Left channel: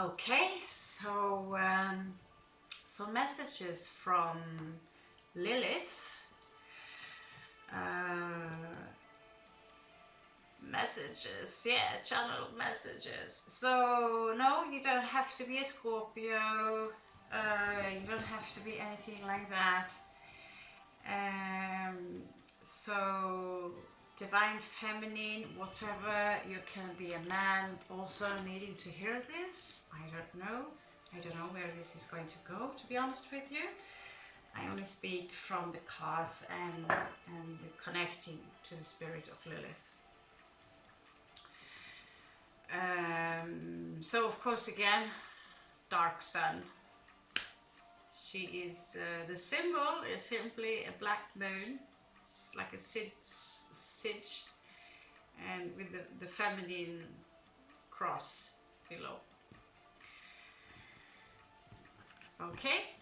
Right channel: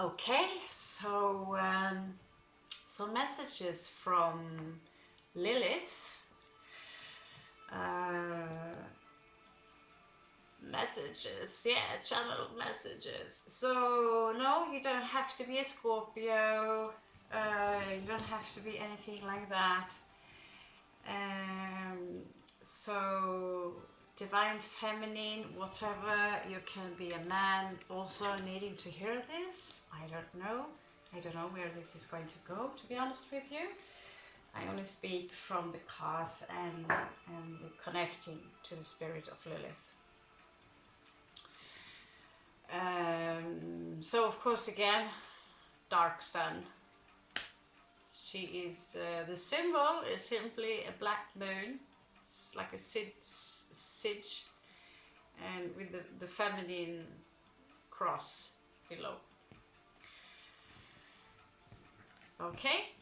Okay, so messages from Lilith. Messages, yeah, channel messages. So no, you don't have to be a Scorpio. You don't have to be anything like that. So divine feminine, whatever. You can be a man also needing to hear this. I don't know where this is going to go, to be honest with you. I only speak from the cards and connecting to the spirit of Lilith. So of course, again, dark sun. She is the symbol is simply a black moon. It's like a sidge, and with the feminine cross below. Okay.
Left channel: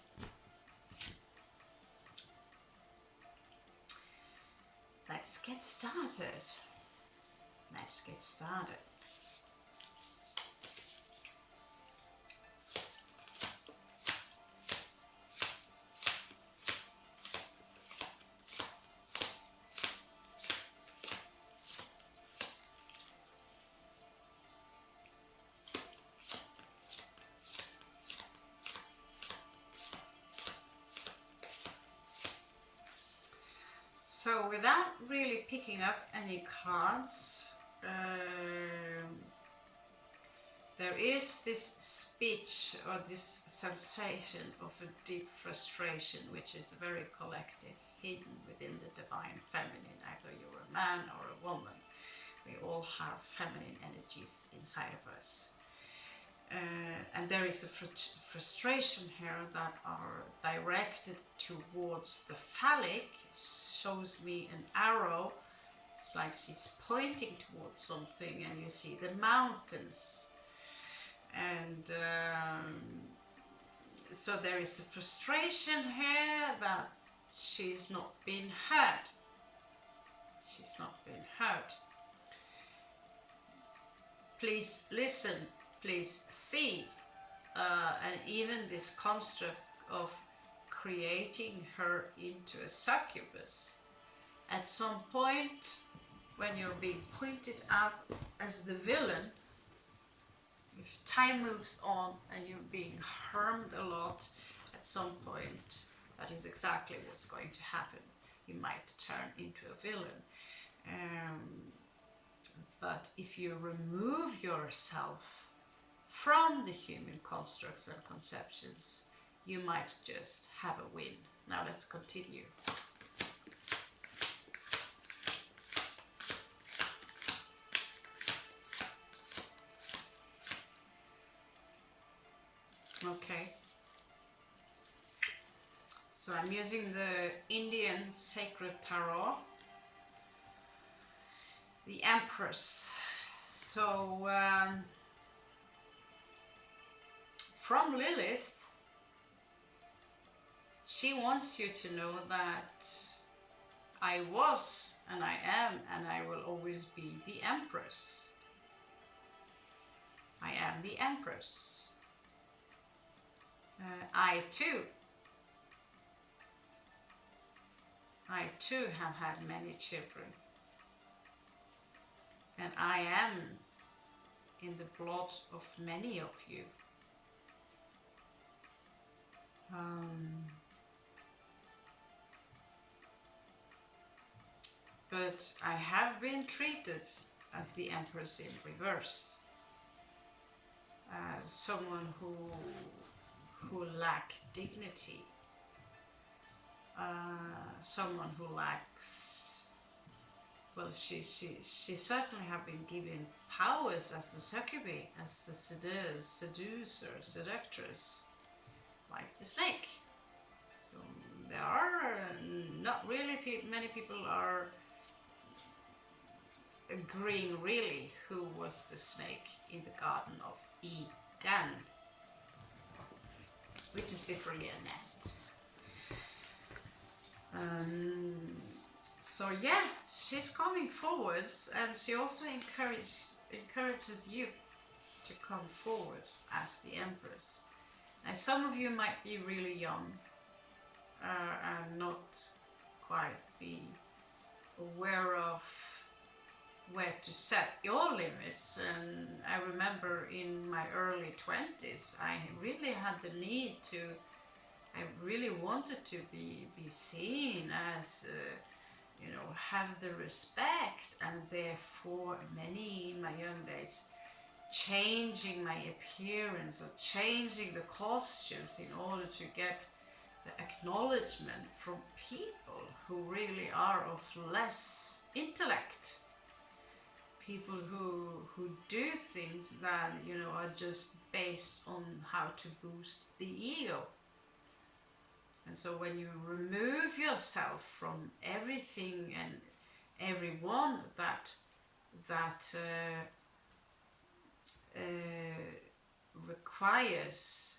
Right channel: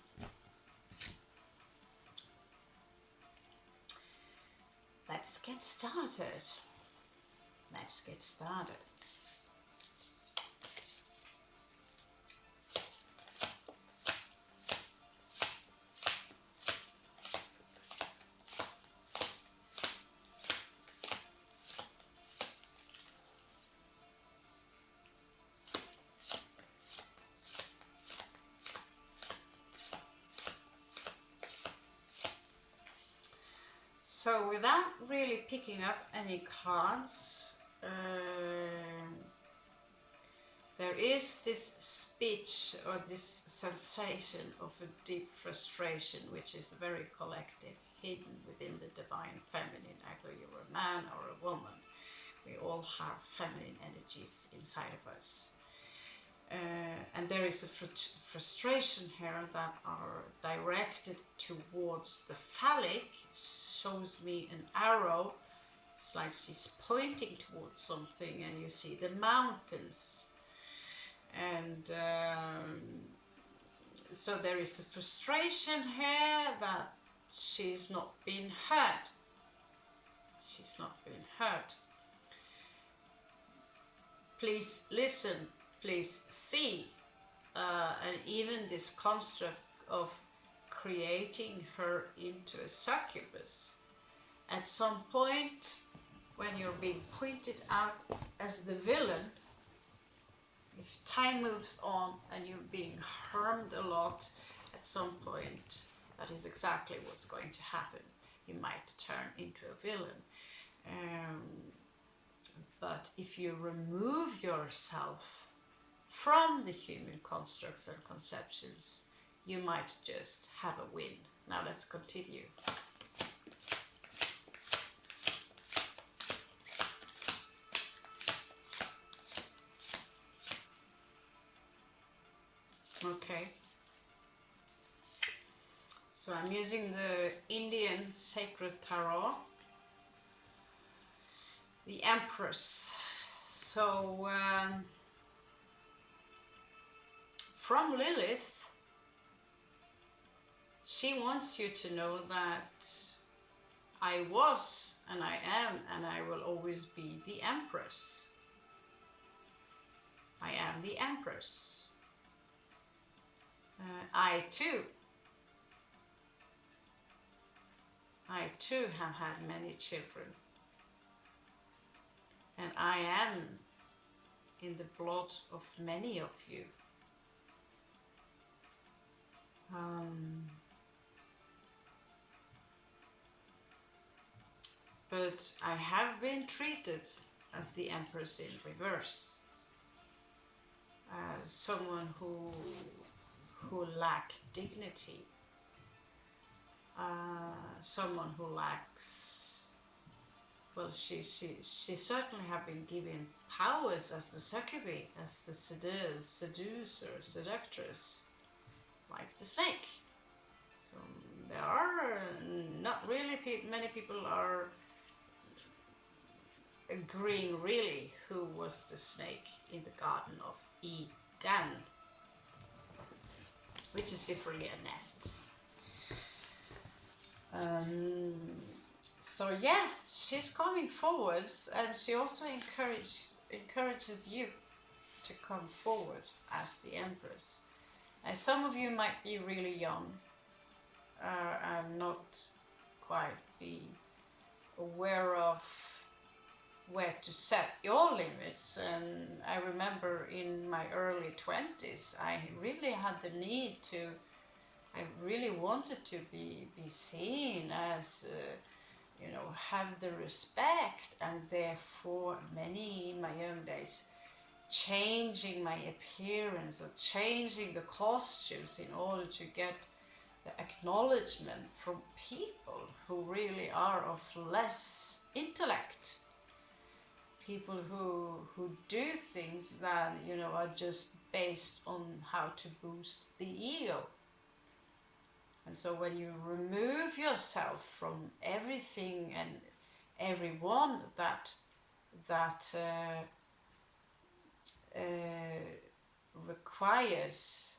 Let's get started. Let's get started. So without really picking up any cards, there is this speech or this sensation of a deep frustration, which is very collective, hidden within the divine feminine. Either you're a man or a woman. We all have feminine energies inside of us. And there is a frustration here that are directed towards the phallic. Shows me an arrow. It's like she's pointing towards something, and you see the mountains. And so there is a frustration here that she's not being heard. She's not being heard. Please listen. Please see. And even this construct of creating her into a succubus. At some point, when you're being pointed out as the villain, if time moves on and you're being harmed a lot, at some point, that is exactly what's going to happen. You might turn into a villain. But if you remove yourself from the human constructs and conceptions, you might just have a win. Now let's continue. Okay. So I'm using the Indian Sacred Tarot, the Empress. So from Lilith, she wants you to know that I was, and I am, and I will always be the Empress. I am the Empress. I too have had many children. And I am in the blood of many of you. But I have been treated as the Empress in reverse, as someone who lack dignity, someone who lacks. Well, she certainly have been given powers as the succubi, as the seducer, seductress, like the snake. So there are not really many people are agreeing really who was the snake in the Garden of Eden, which is literally a nest. So yeah, she's coming forwards, and she also encourages you to come forward as the Empress. And some of you might be really young and not quite be aware of where to set your limits. And I remember in my early 20s, I really had the need to, I really wanted to be seen as, you know, have the respect, and therefore many in my young days changing my appearance or changing the costumes in order to get the acknowledgement from people who really are of less intellect. People who do things that, you know, are just based on how to boost the ego. And so when you remove yourself from everything and everyone that requires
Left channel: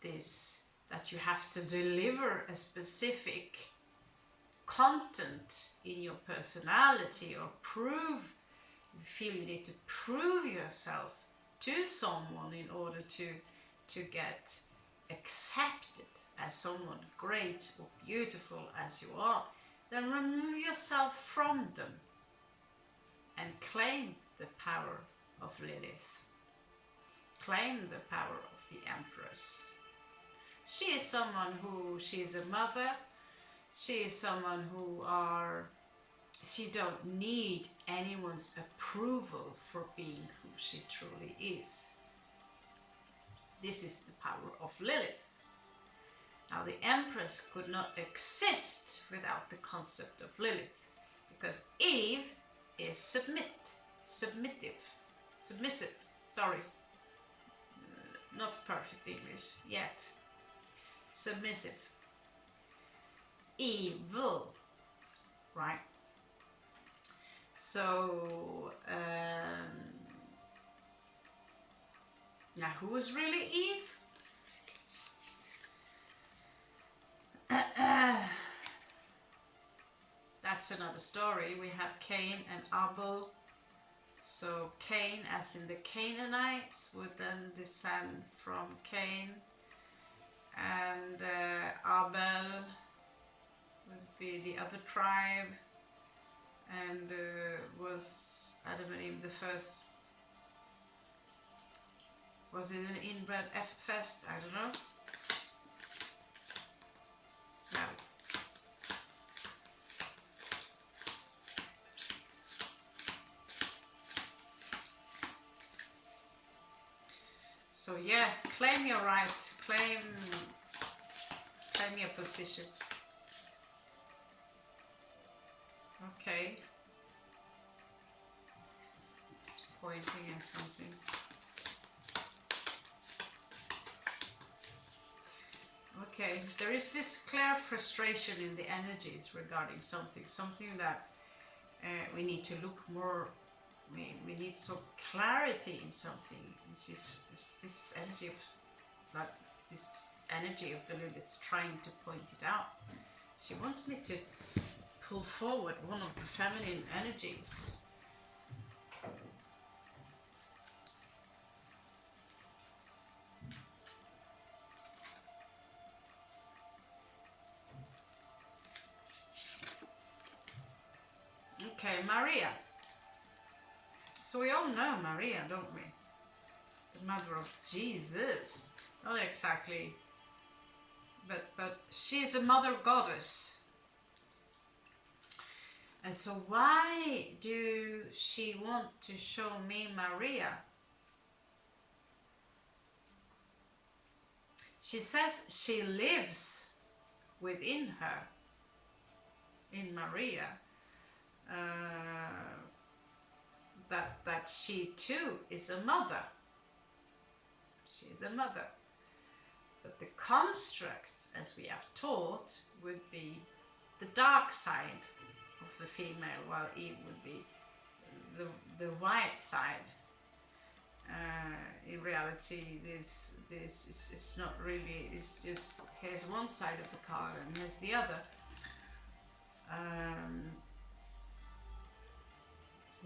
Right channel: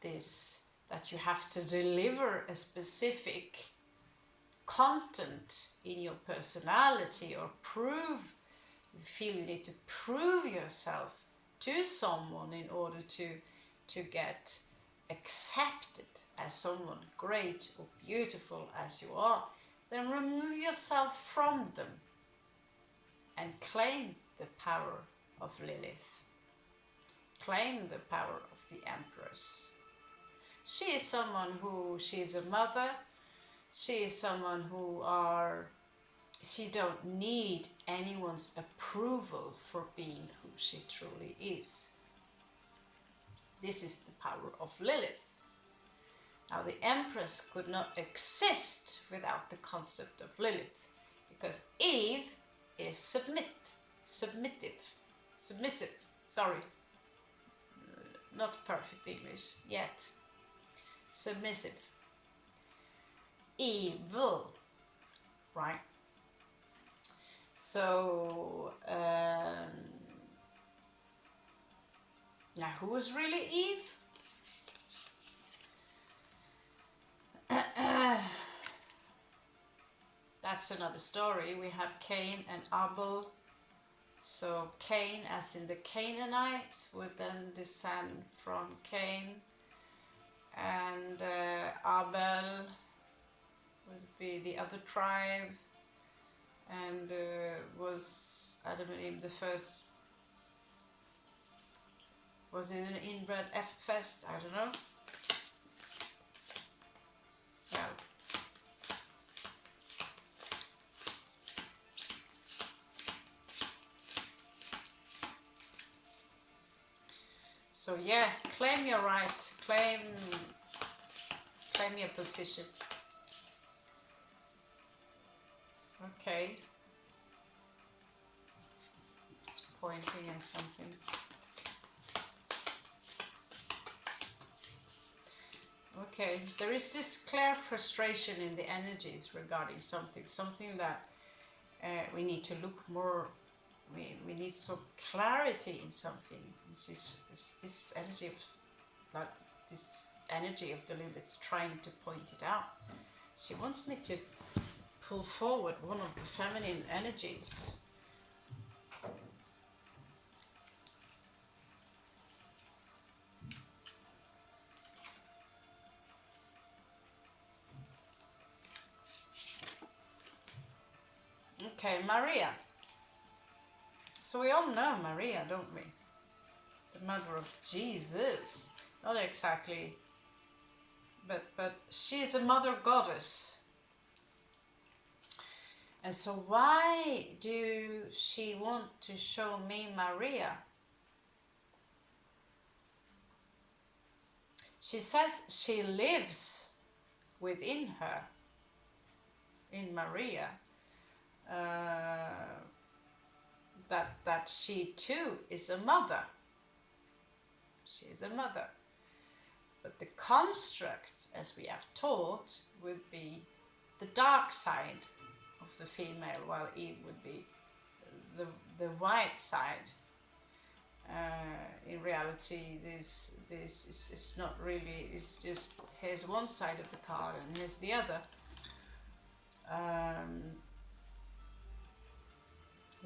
this, that you have to deliver a specific content in your personality or prove, you feel you need to prove yourself to someone in order to get accepted as someone great or beautiful as you are, then remove yourself from them and claim the power of Lilith. Claim the power of the Empress. She is someone who, she is a mother, she is someone who she don't need anyone's approval for being who she truly is. This is the power of Lilith. Now the Empress could not exist without the concept of Lilith, because Eve is submissive, sorry, not perfect English yet, submissive, evil, right? So now who is really Eve? That's another story. We have Cain and Abel. So Cain, as in the Canaanites, would then descend from Cain, and Abel would be the other tribe, and was Adam and Eve the first? Was it an inbred fest? I don't know. Yeah. So yeah, claim your right, claim your position. Okay. It's pointing at something. Okay, there is this clear frustration in the energies regarding something that we need to look more. We need some clarity in something. It's this energy of the Lilith trying to point it out. She wants me to pull forward one of the feminine energies. Okay, Maria. So we all know Maria, don't we? The mother of Jesus. Not exactly, but she is a mother goddess. And so why do she want to show me Maria? She says she lives within her, in Maria. That she too is a mother. She is a mother. But the construct, as we have taught, would be the dark side of the female, while Eve would be the white side. In reality, this is not really, it's just, here's one side of the card and here's the other.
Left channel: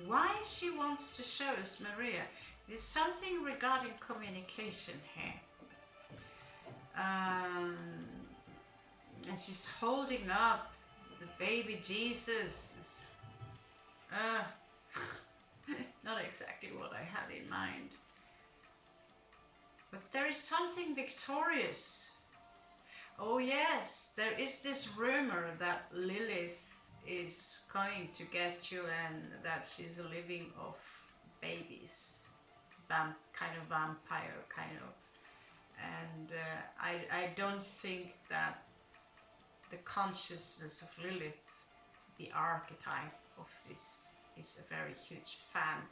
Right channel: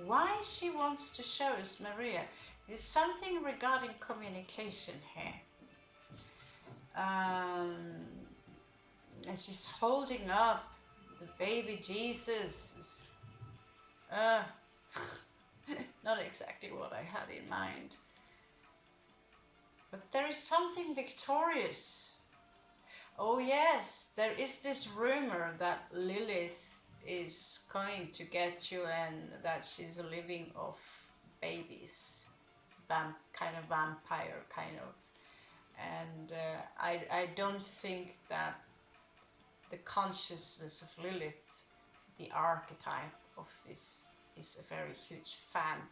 Why she wants to show us Maria? There's something regarding communication here. And she's holding up the baby Jesus. Not exactly what I had in mind. But there is something victorious. Oh yes, there is this rumor that Lilith is going to get you and that she's living off babies. It's kind of vampire, kind of. And I don't think that the consciousness of Lilith, the archetype of this, is a very huge fan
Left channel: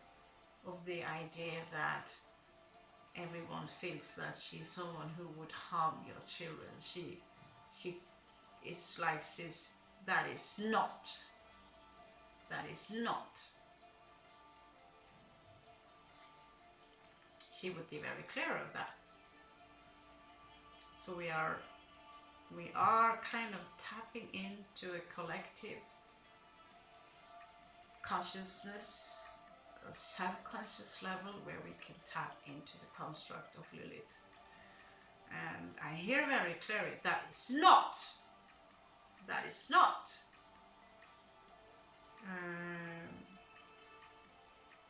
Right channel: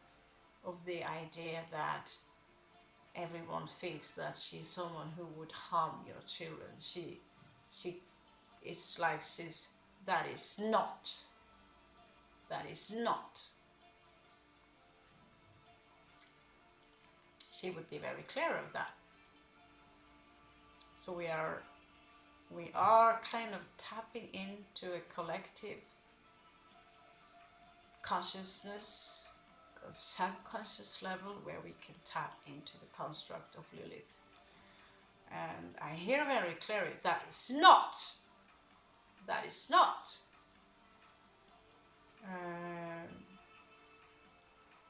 of the idea that everyone thinks that she's someone who would harm your children. It's like that is not. She would be very clear of that. So we are kind of tapping into a collective consciousness, a subconscious level where we can tap into the construct of Lilith. And I hear very clearly that is not.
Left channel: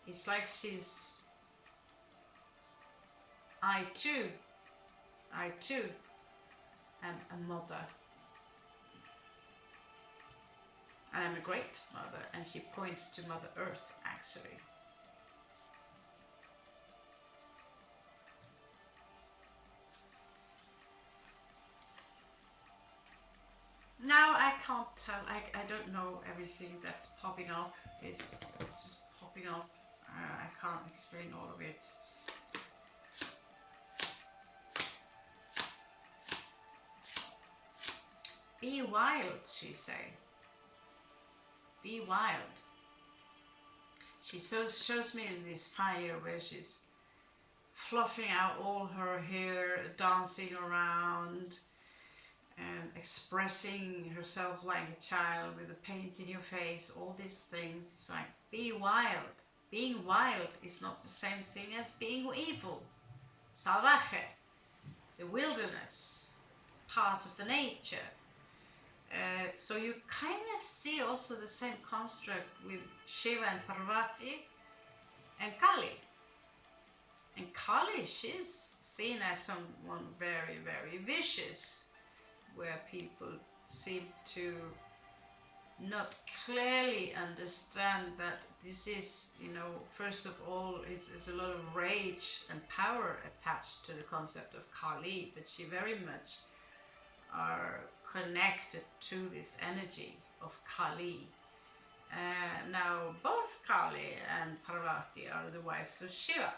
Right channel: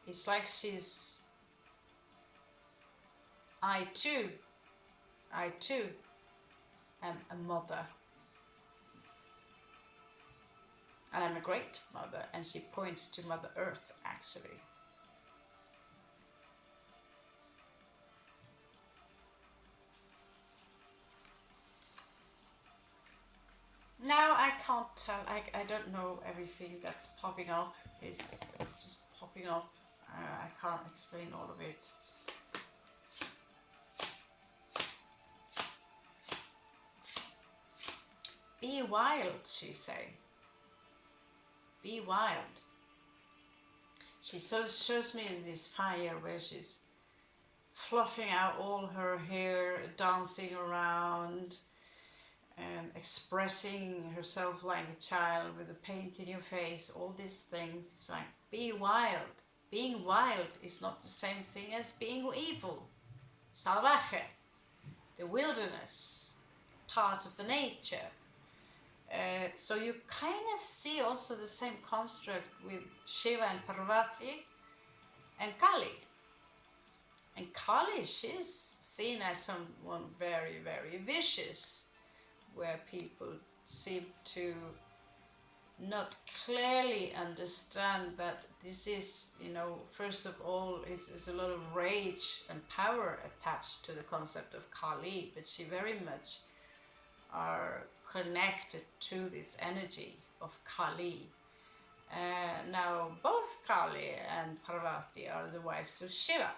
It's like she's I too am a mother. I am a great mother, and she points to Mother Earth actually. Now I can't tell, I don't know everything that's popping up. It's just popping up. I can't explain all of it. Be wild, she say. Be wild. She shows me this fire where she's fluffing out all her hair, dancing around, and expressing herself like a child with a paint in your face, all these things. It's like, be wild. Being wild is not the same thing as being evil. Salvaje, the wilderness, part of the nature. So you kind of see also the same construct with Shiva and Parvati and Kali. And Kali, she's seen as someone very, very vicious, where people seem to not clearly understand that this is, first of all, is a lot of rage and power attached to the concept of Kali, but she very much are connected to this energy of Kali. Now, both Kali and Parvati are the wives of Shiva,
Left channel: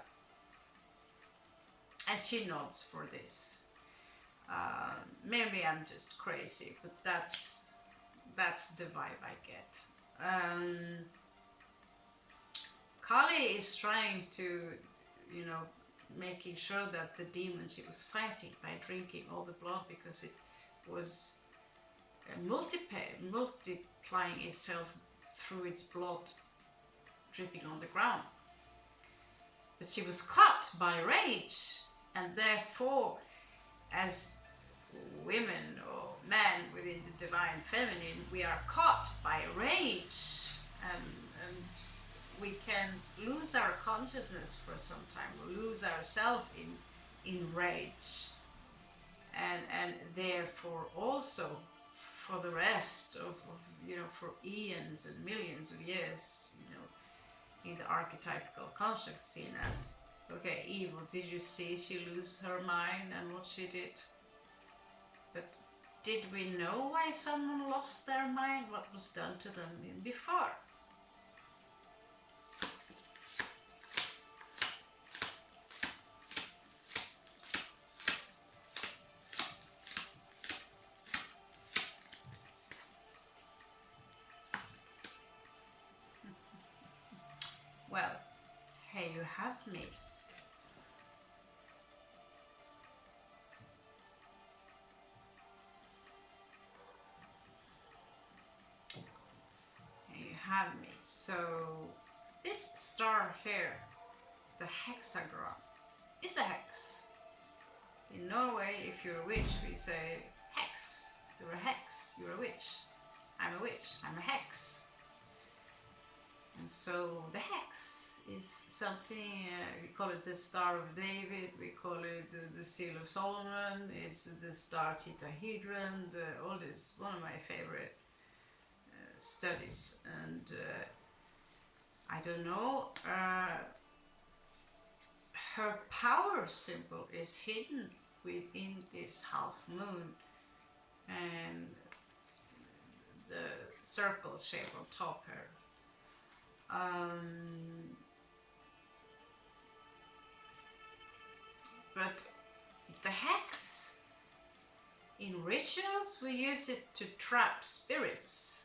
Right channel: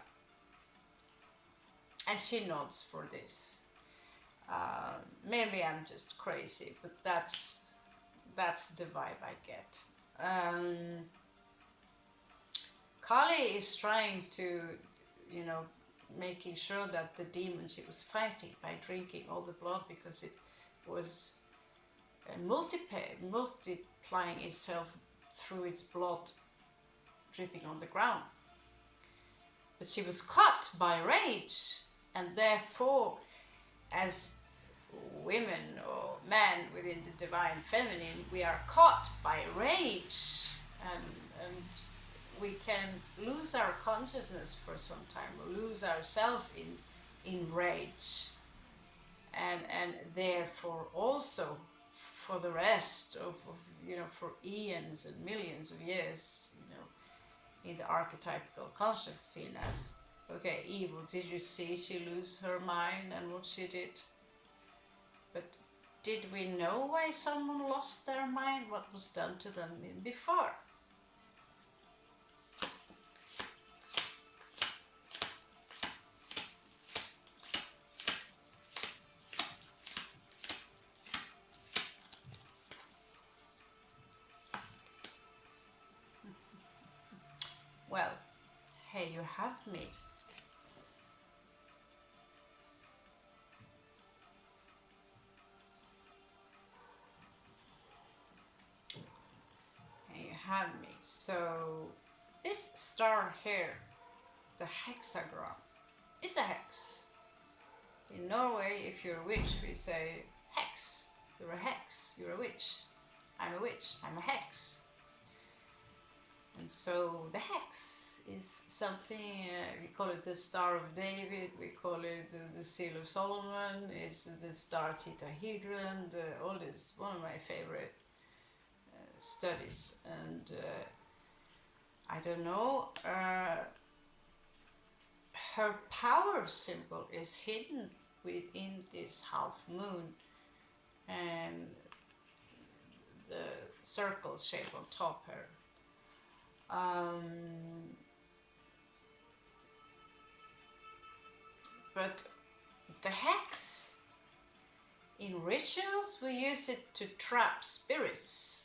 and she nods for this. Maybe I'm just crazy, but that's the vibe I get. Kali is trying to, making sure that the demon she was fighting by drinking all the blood, because it was multiplying itself through its blood dripping on the ground. But she was caught by rage, and therefore, as women or men within the divine feminine, we are caught by rage, and we can lose our consciousness for some time, or lose ourselves in rage, and therefore also for the rest of for eons and millions of years, in the archetypical construct seen as, okay, evil. Did you see she lose her mind and what she did? But did we know why someone lost their mind? What was done to them before? Well, here you have me. Here you have me. So this star here the hexagram is a hex. In Norway, if you're a witch, we say hex. You're a hex, you're a witch. I'm a witch, I'm a hex. And so the hex is something, we call it the Star of David, we call it the Seal of Solomon, it's the Star Tetrahedron, all this, one of my favorite studies. And I don't know, her power symbol is hidden within this half moon and the circle shape on top here. But the hex, in rituals we use it to trap spirits.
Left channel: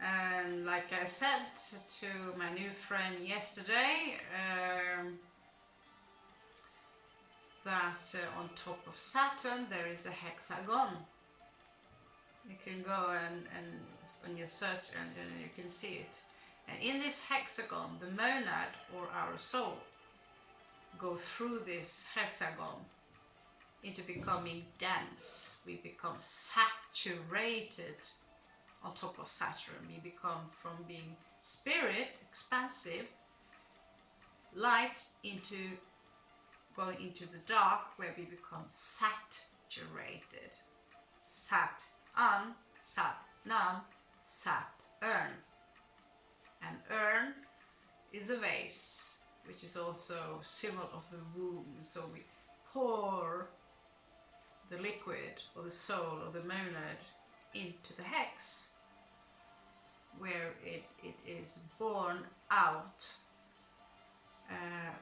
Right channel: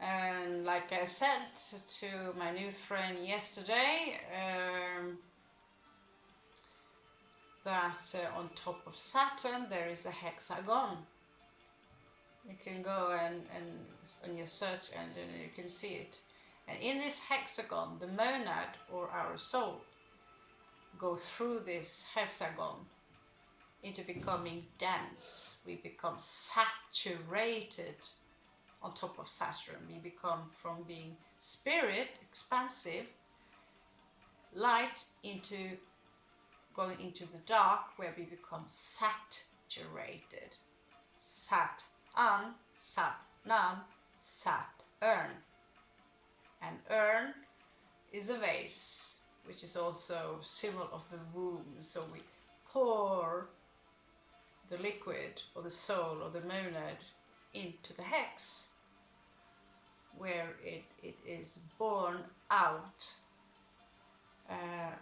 And like I said to my new friend yesterday, that on top of Saturn there is a hexagon. You can go and on your search engine and you can see it. And in this hexagon, the monad or our soul go through this hexagon into becoming dense. We become saturated on top of Saturn. We become from being spirit, expansive, light, into going into the dark, where we become saturated. Sat-an, sat-nam, sat-urn. And urn is a vase, which is also symbol of the womb. So we pour the liquid or the soul or the monad into the hex, where it is born out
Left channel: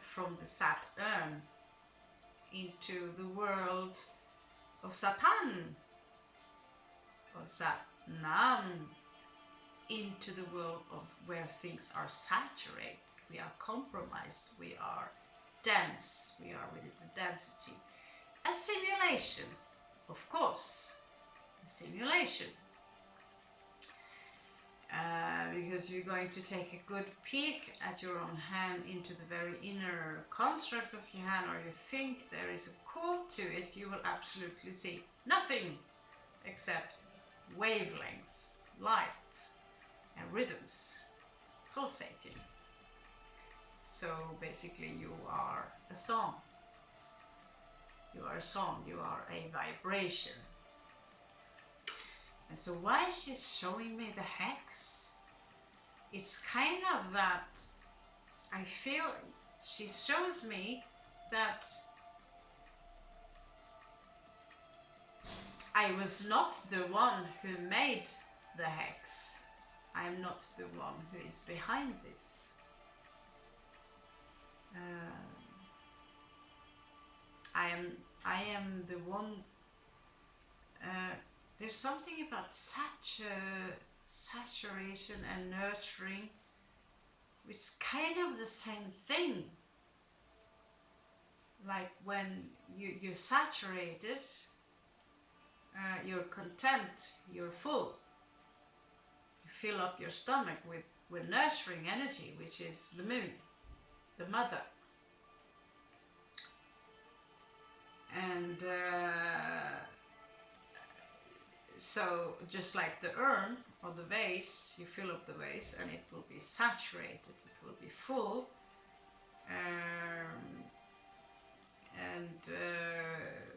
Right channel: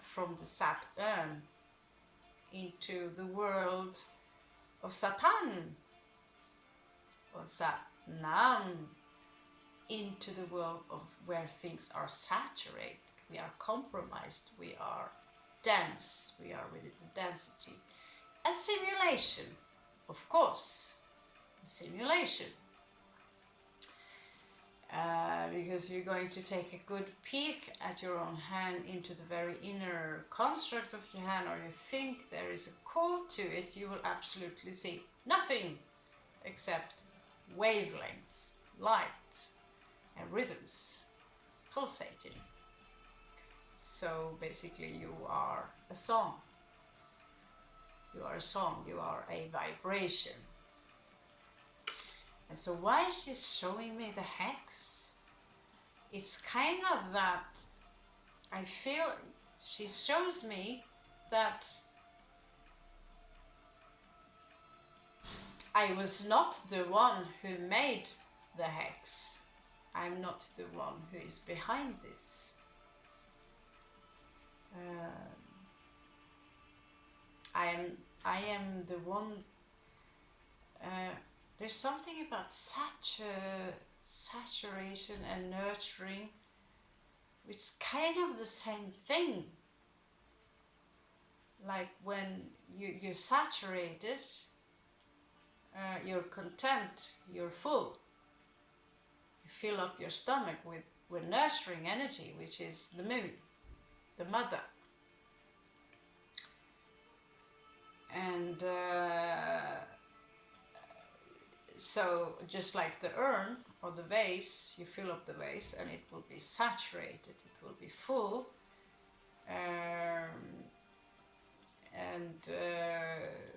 from the Saturn into the world of Satan or Satnam, into the world of where things are saturated. We are compromised, we are dense, we are with the density. A simulation, of course, a simulation. Because you're going to take a good peek at your own hand into the very inner construct of your hand, or you think there is a core to it, you will absolutely see nothing except wavelengths, light and rhythms pulsating. So basically you are a song. You are a song, you are a vibration. And so why is she showing me the hex? It's kind of that I feel she shows me that I was not the one who made the hex. I'm not the one who is behind this. I am the one. There's something about saturation and nurturing, which is kind of the same thing. Like when you're saturated, you're content, you're full. You fill up your stomach with nurturing energy, which is the moon, the mother. And so just like the urn or the vase, you fill up the vase and it will be saturated, it will be full.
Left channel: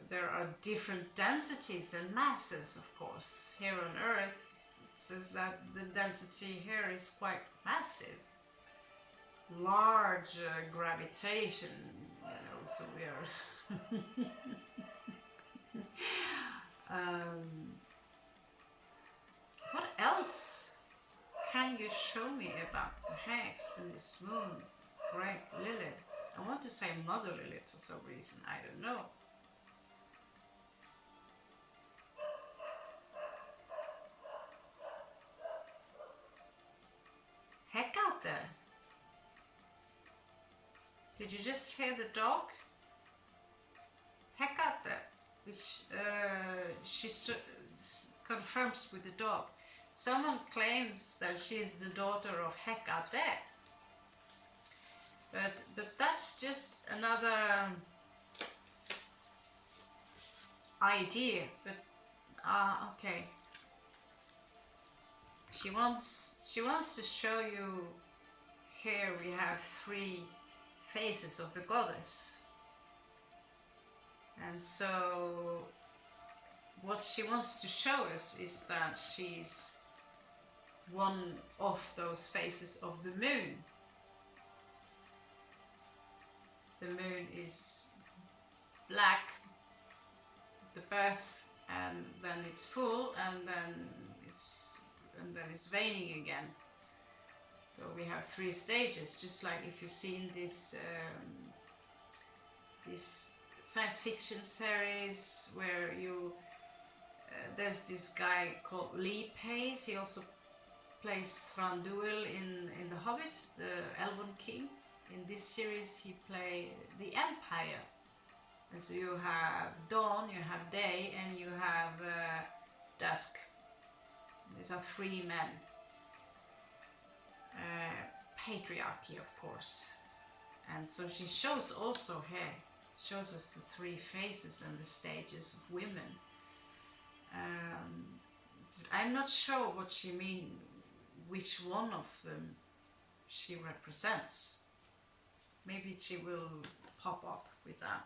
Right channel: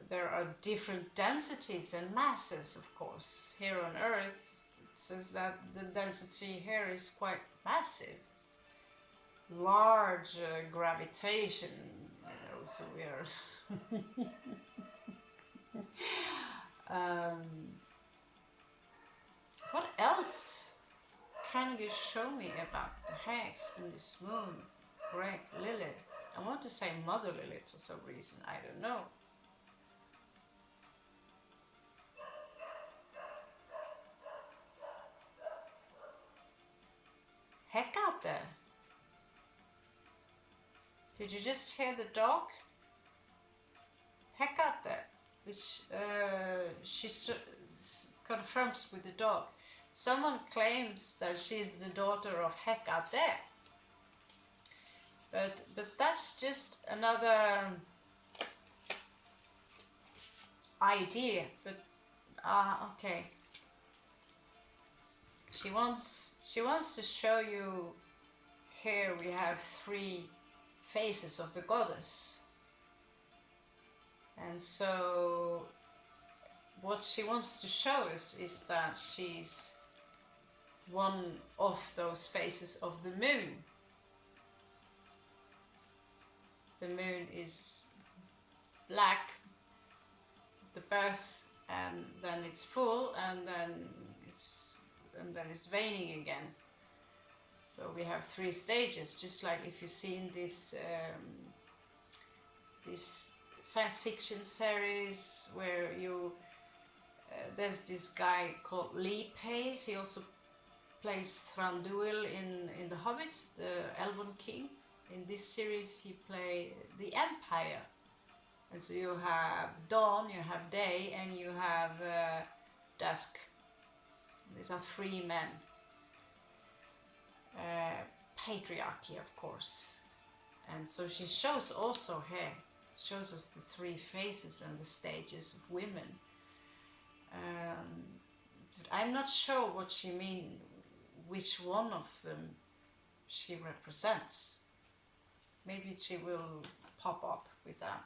There are different densities and masses, of course. Here on Earth, it says that the density here is quite massive. It's large gravitation, so we are... what else can you show me about the hex and this moon? Great Lilith. I want to say Mother Lilith for some reason, I don't know. Hekate. Did you just hear the dog? Hekate, which she confronts with the dog. Someone claims that she's the daughter of Hekate. But that's just another idea. But okay. She wants to show you. Here we have 3 faces of the goddess, and so what she wants to show us is that she's one of those faces of the moon. The moon is black, the birth, and then it's full, and then it's waning again. So we have 3 stages, just like if you've seen this science fiction series where there's this guy called Lee Pace. He also plays Thranduil in The Hobbit, the Elven King. In this series he plays the Empire. And so you have dawn, you have day, and you have dusk. These are 3 men. Patriarchy, of course. And so she shows also here, shows us the 3 faces and the stages of women. But I'm not sure what she means, which one of them she represents. Maybe she will pop up with that.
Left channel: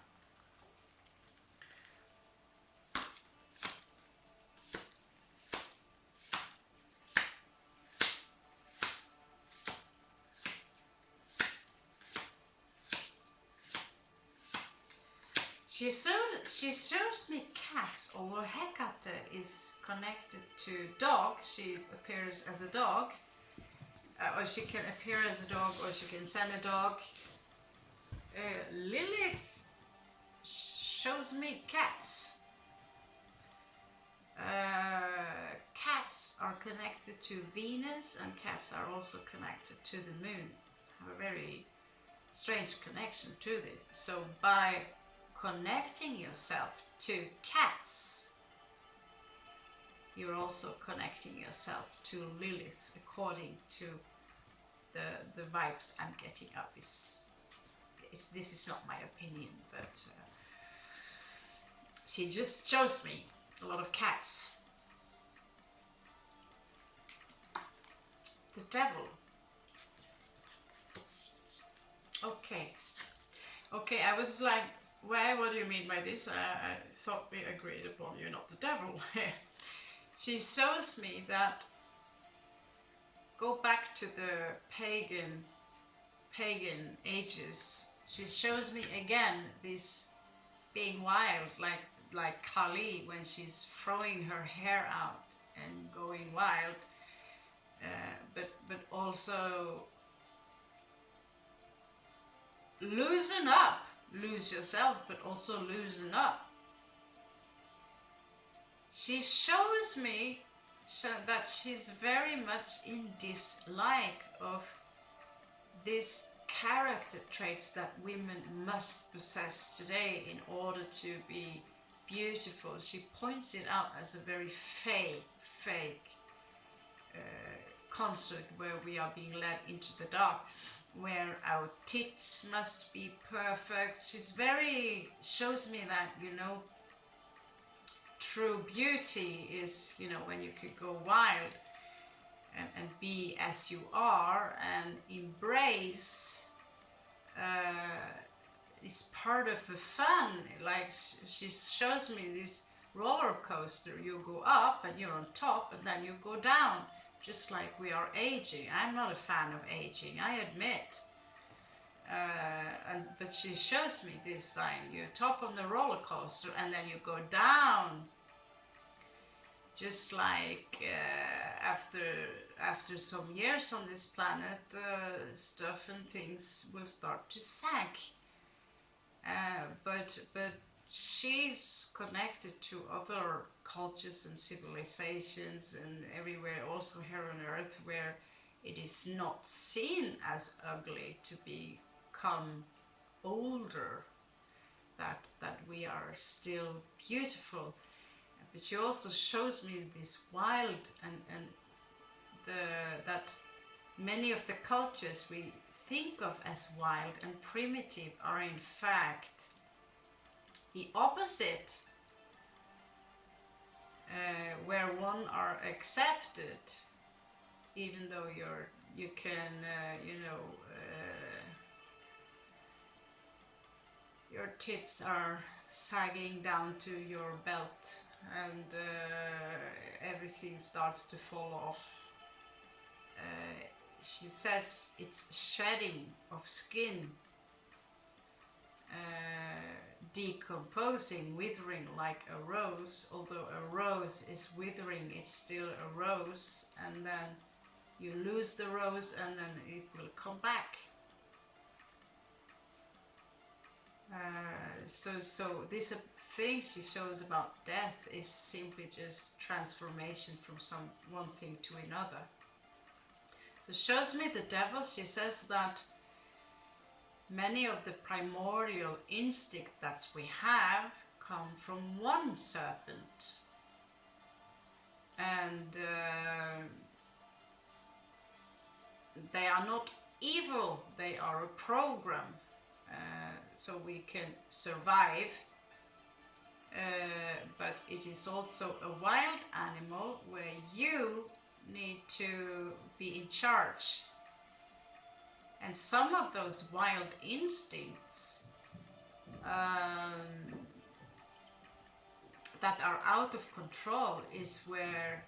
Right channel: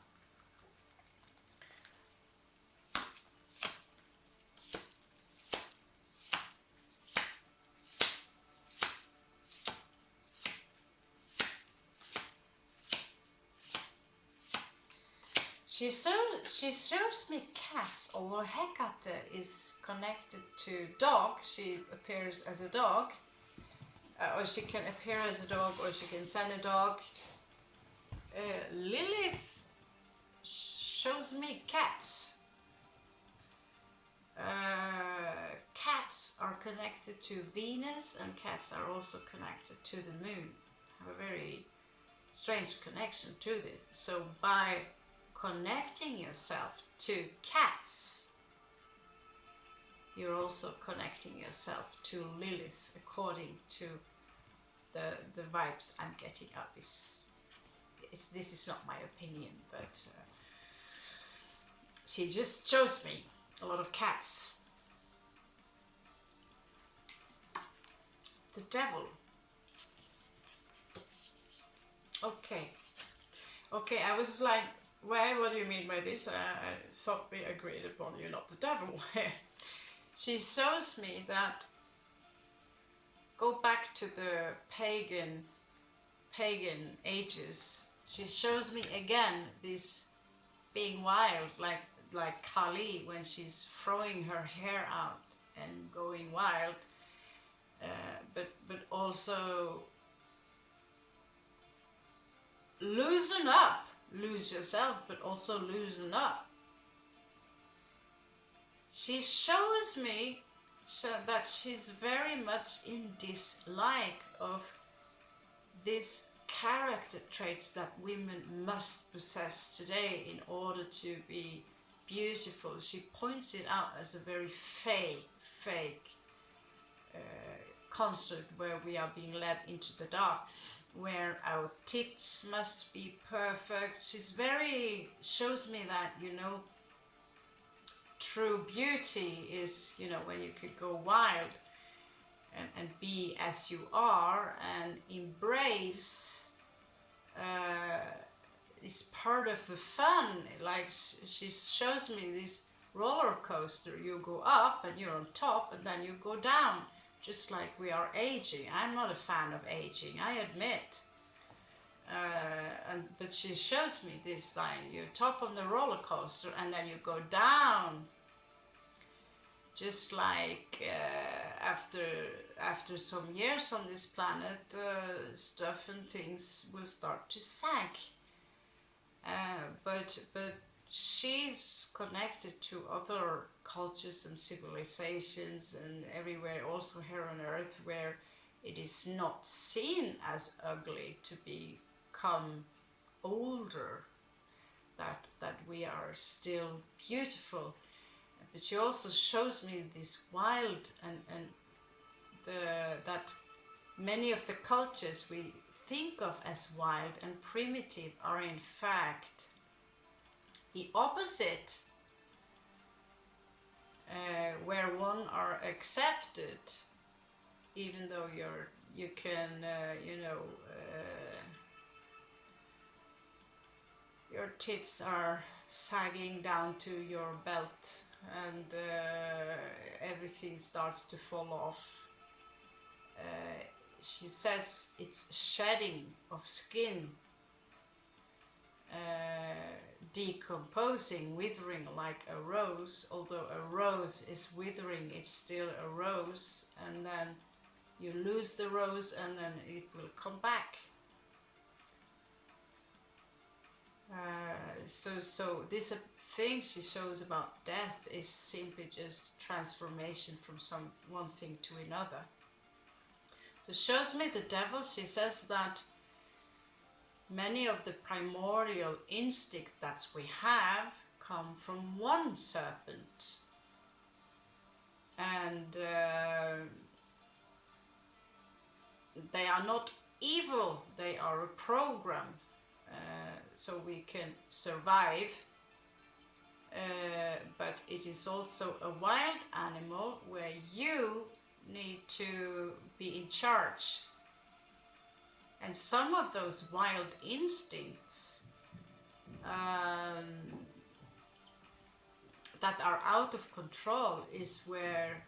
She shows me cats, although Hecate is connected to dog. She appears as a dog, or she can appear as a dog, or she can send a dog. Lilith shows me cats. Cats are connected to Venus, and cats are also connected to the moon. Have a very strange connection to this. So by connecting yourself to cats, you're also connecting yourself to Lilith, according to the vibes I'm getting up. This is not my opinion, but she just shows me a lot of cats. The devil. Okay, I was like, well, what do you mean by this? I thought we agreed upon you're not the devil. She shows me that, go back to the pagan ages. She shows me again this being wild, like Kali when she's throwing her hair out and going wild, but also loosen up. Lose yourself, but also loosen up. She shows me that she's very much in dislike of these character traits that women must possess today in order to be beautiful. She points it out as a very fake construct where we are being led into the dark, where our tits must be perfect. Shows me that, true beauty is, when you could go wild and be as you are and embrace is part of the fun. Like she shows me this roller coaster. You go up and you're on top, and then you go down, just like we are aging. I'm not a fan of aging, I admit. But she shows me this line: you're top on the roller coaster, and then you go down. Just like after some years on this planet, stuff and things will start to sag. But she's connected to other cultures and civilizations and everywhere, also here on Earth, where it is not seen as ugly to become older, that we are still beautiful. But she also shows me this wild and that many of the cultures we think of as wild and primitive are in fact the opposite, where one are accepted, even though you can, your tits are sagging down to your belt and everything starts to fall off. She says it's shedding of skin, decomposing, withering like a rose. Although a rose is withering, it's still a rose, and then you lose the rose and then it will come back. So this thing she shows about death is simply just transformation from one thing to another. So shows me the devil. She says that many of the primordial instincts that we have come from one serpent, and they are not evil, they are a program, so we can survive, but it is also a wild animal where you need to be in charge. And some of those wild instincts that are out of control is where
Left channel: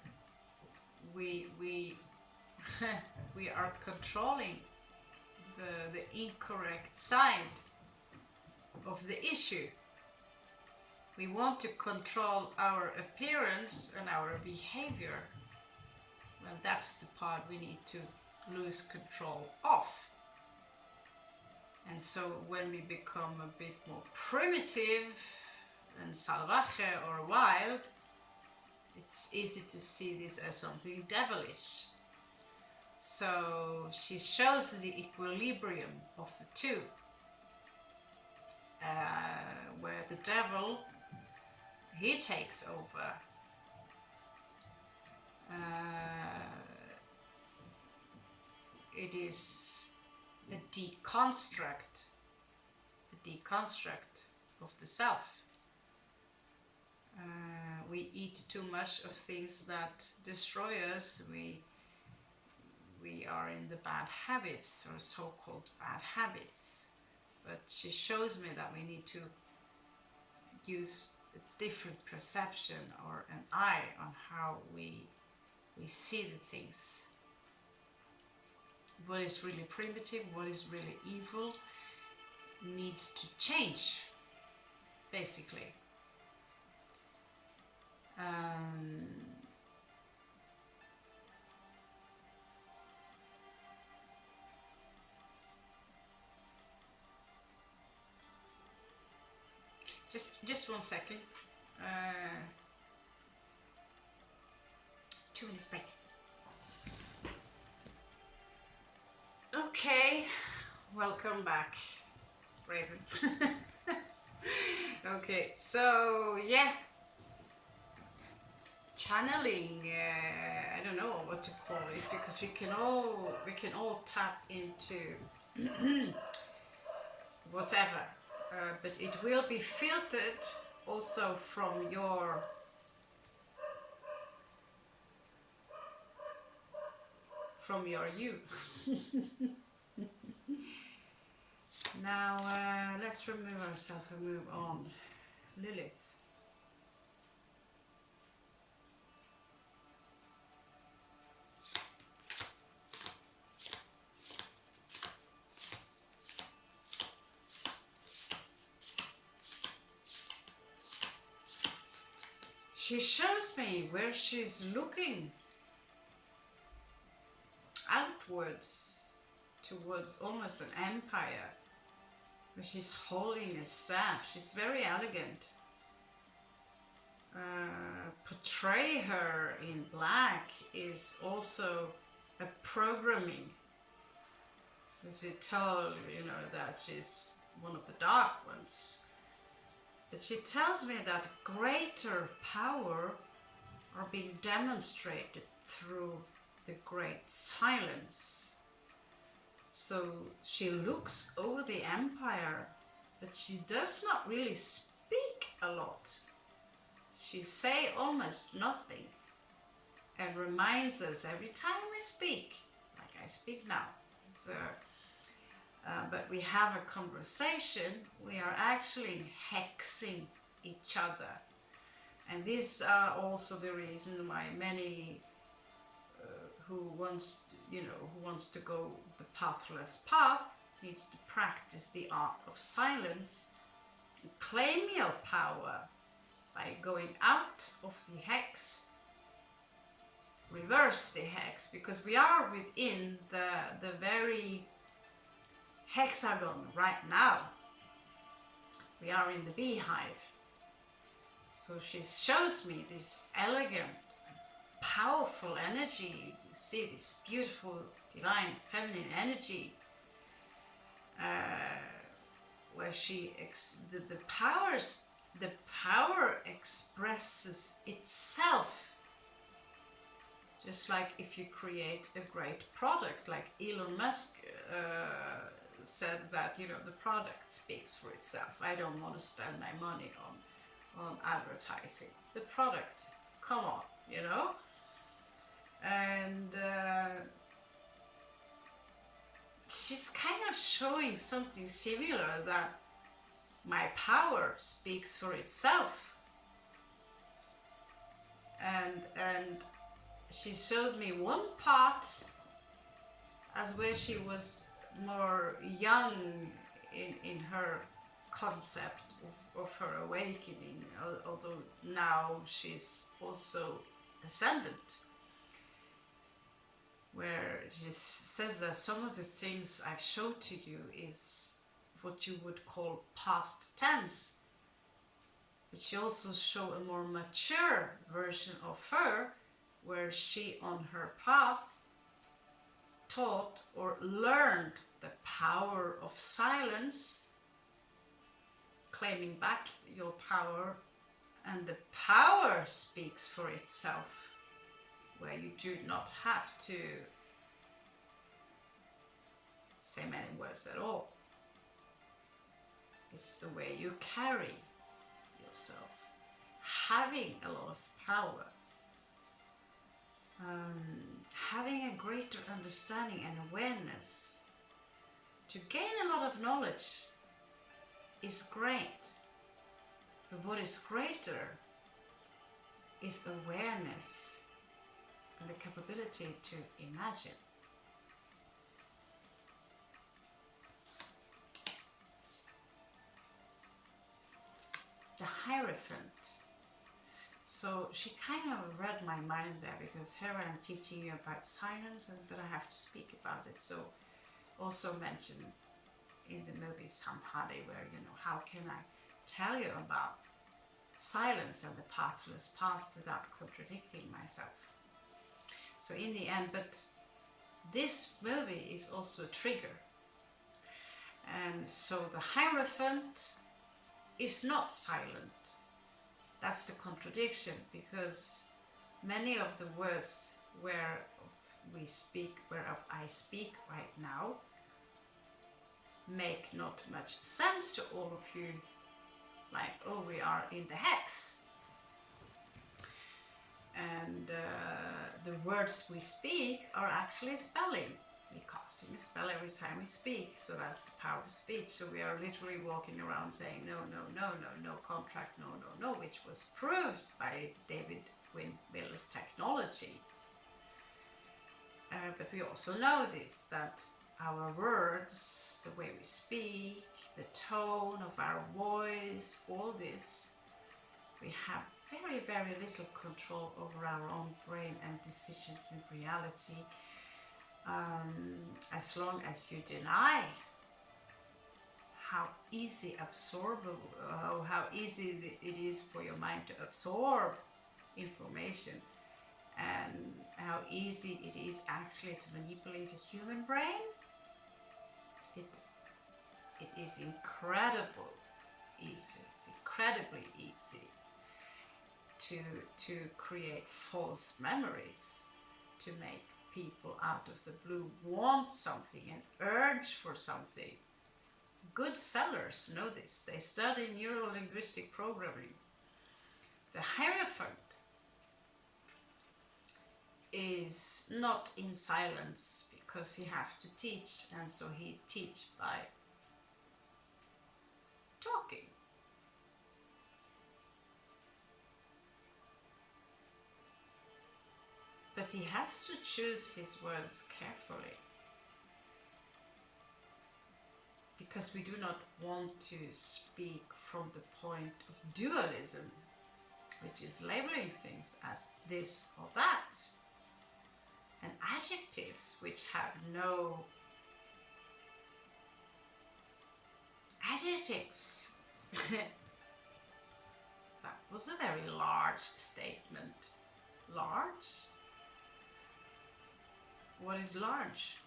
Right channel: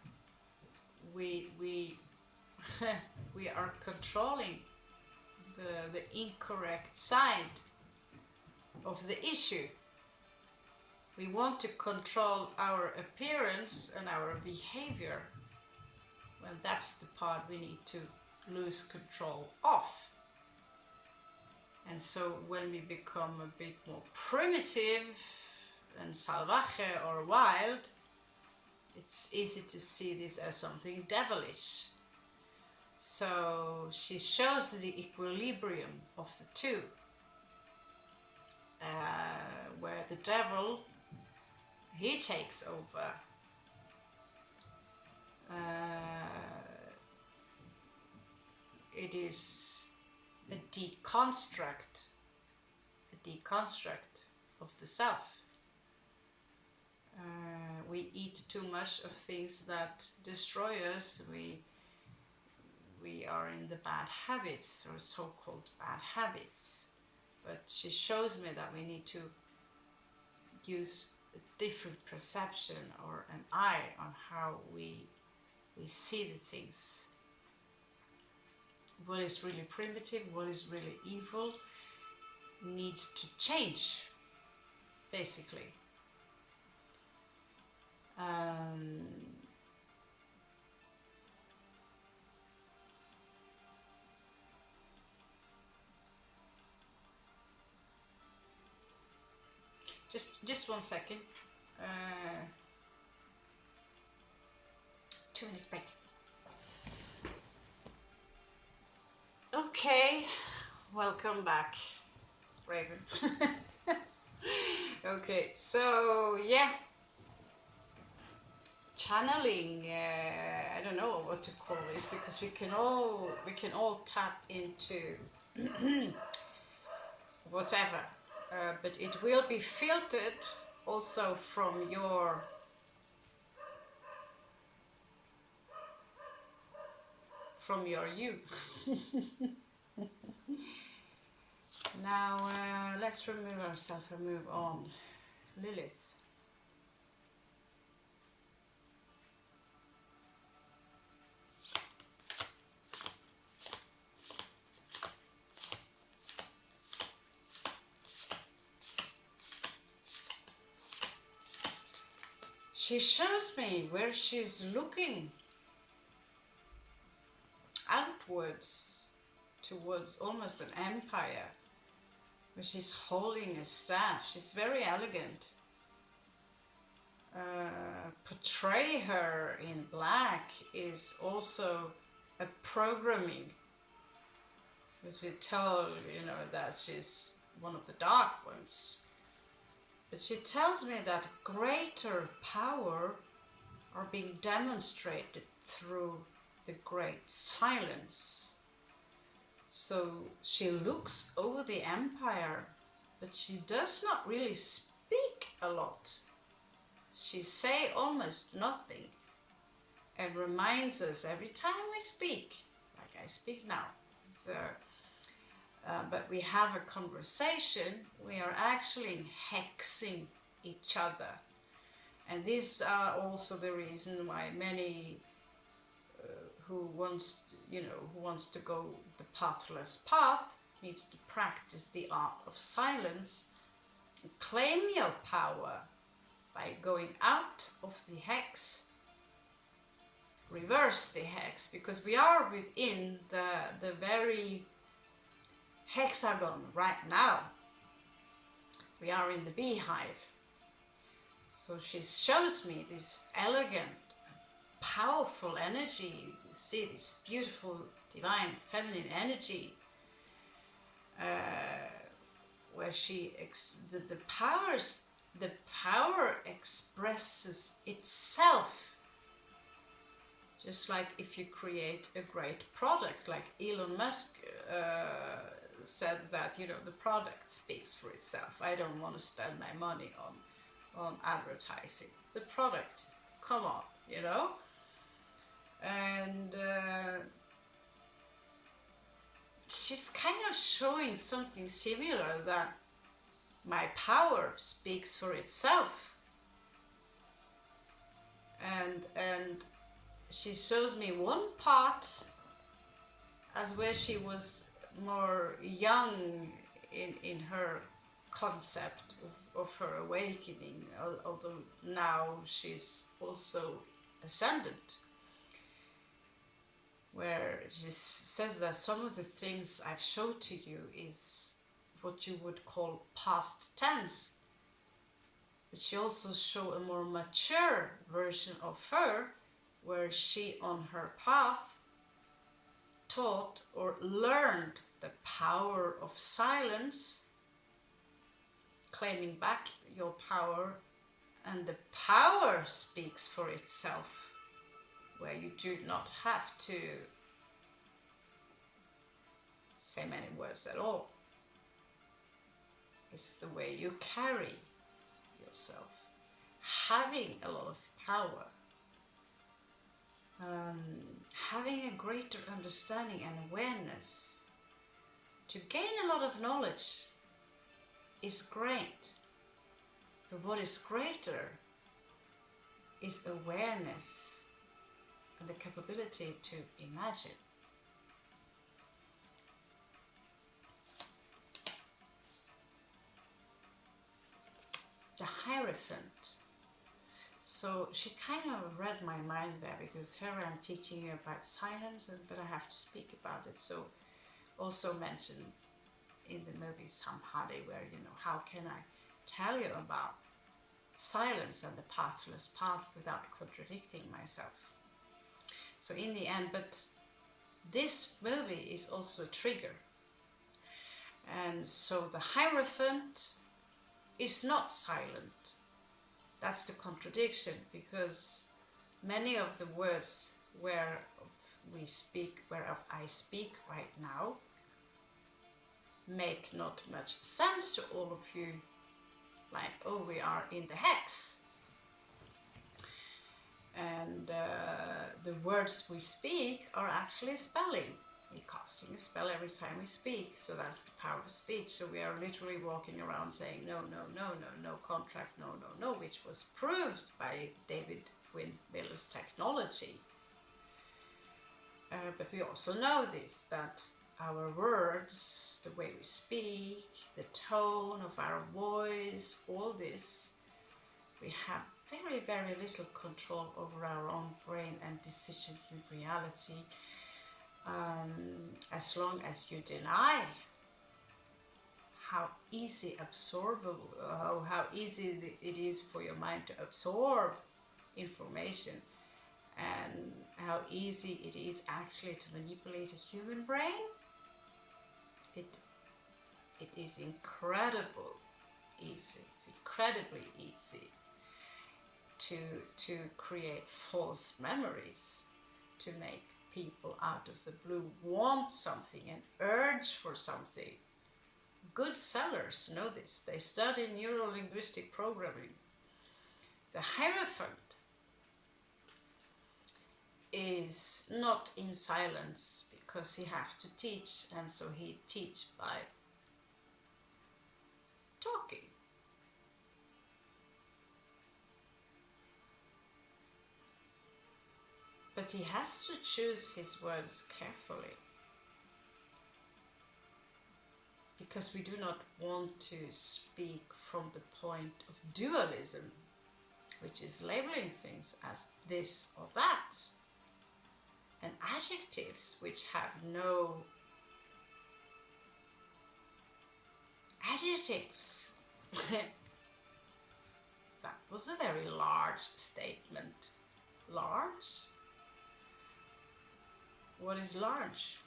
we we are controlling the incorrect side of the issue. We want to control our appearance and our behavior. Well, that's the part we need to lose control of. And so when we become a bit more primitive and salvaje or wild, it's easy to see this as something devilish. So she shows the equilibrium of the two, where the devil, he takes over. It is a deconstruct of the self. We eat too much of things that destroy us. We are in the bad habits, or so-called bad habits. But she shows me that we need to use a different perception or an eye on how we see the things. What is really primitive, what is really evil, needs to change, basically. Just 1 second. 2 minutes break. Okay, welcome back, Raven. Okay, so yeah, channeling. I don't know what to call it, because we can all tap into whatever, but it will be filtered also from your you. Now let's remove ourselves and move on. Lilith. She shows me where she's looking outwards towards almost an empire, where she's holding a staff. She's very elegant. Portray her in black is also a programming, because we told, that she's one of the dark ones. But she tells me that greater power are being demonstrated through the great silence. So she looks over the empire, but she does not really speak a lot. She say almost nothing and reminds us every time we speak, like I speak now. So, but we have a conversation, we are actually hexing each other. And these are also the reason why many who wants to go the pathless path needs to practice the art of silence, claim your power by going out of the hex, reverse the hex, because we are within the very hexagon right now. We are in the beehive. So she shows me this elegant, powerful energy. You see this beautiful, divine, feminine energy, where the power expresses itself. Just like if you create a great product, like Elon Musk said that, the product speaks for itself. I don't want to spend my money on advertising. The product, come on, And she's kind of showing something similar, that my power speaks for itself. And she shows me one part as where she was more young in her concept of her awakening, although now she's also ascendant, where she says that some of the things I've showed to you is what you would call past tense. But she also showed a more mature version of her, where she on her path taught or learned the power of silence, claiming back your power, and the power speaks for itself, where you do not have to say many words at all. It's the way you carry yourself, having a lot of power, having a greater understanding and awareness. To gain a lot of knowledge is great, but what is greater is awareness and the capability to imagine. The Hierophant. So she kind of read my mind there, because here I'm teaching you about silence, but I have to speak about it. So also mentioned in the movie Samhadi, where, how can I tell you about silence and the pathless path without contradicting myself? So in the end, but this movie is also a trigger. And so the Hierophant is not silent. That's the contradiction, because many of the words whereof I speak right now make not much sense to all of you, like, oh, we are in the hex. And the words we speak are actually spelling. We're casting a spell every time we speak, so that's the power of speech. So we are literally walking around saying no, no, no, no, no contract, no, no, no, which was proved by David Wynn Miller's technology. But we also know this, that our words, the way we speak, the tone of our voice, all this, we have very, very little control over our own brain and decisions in reality. As long as you deny how easy how easy it is for your mind to absorb information, and how easy it is actually to manipulate a human brain, it is incredible easy. It's incredibly easy to create false memories, to make people out of the blue want something and urge for something. Good sellers know this. They study neuro-linguistic programming. The Hierophant is not in silence because he has to teach, and so he teach by talking. But he has to choose his words carefully, because we do not want to speak from the point of dualism, which is labeling things as this or that, and adjectives which have no adjectives. That was a very large statement. Large? What is large?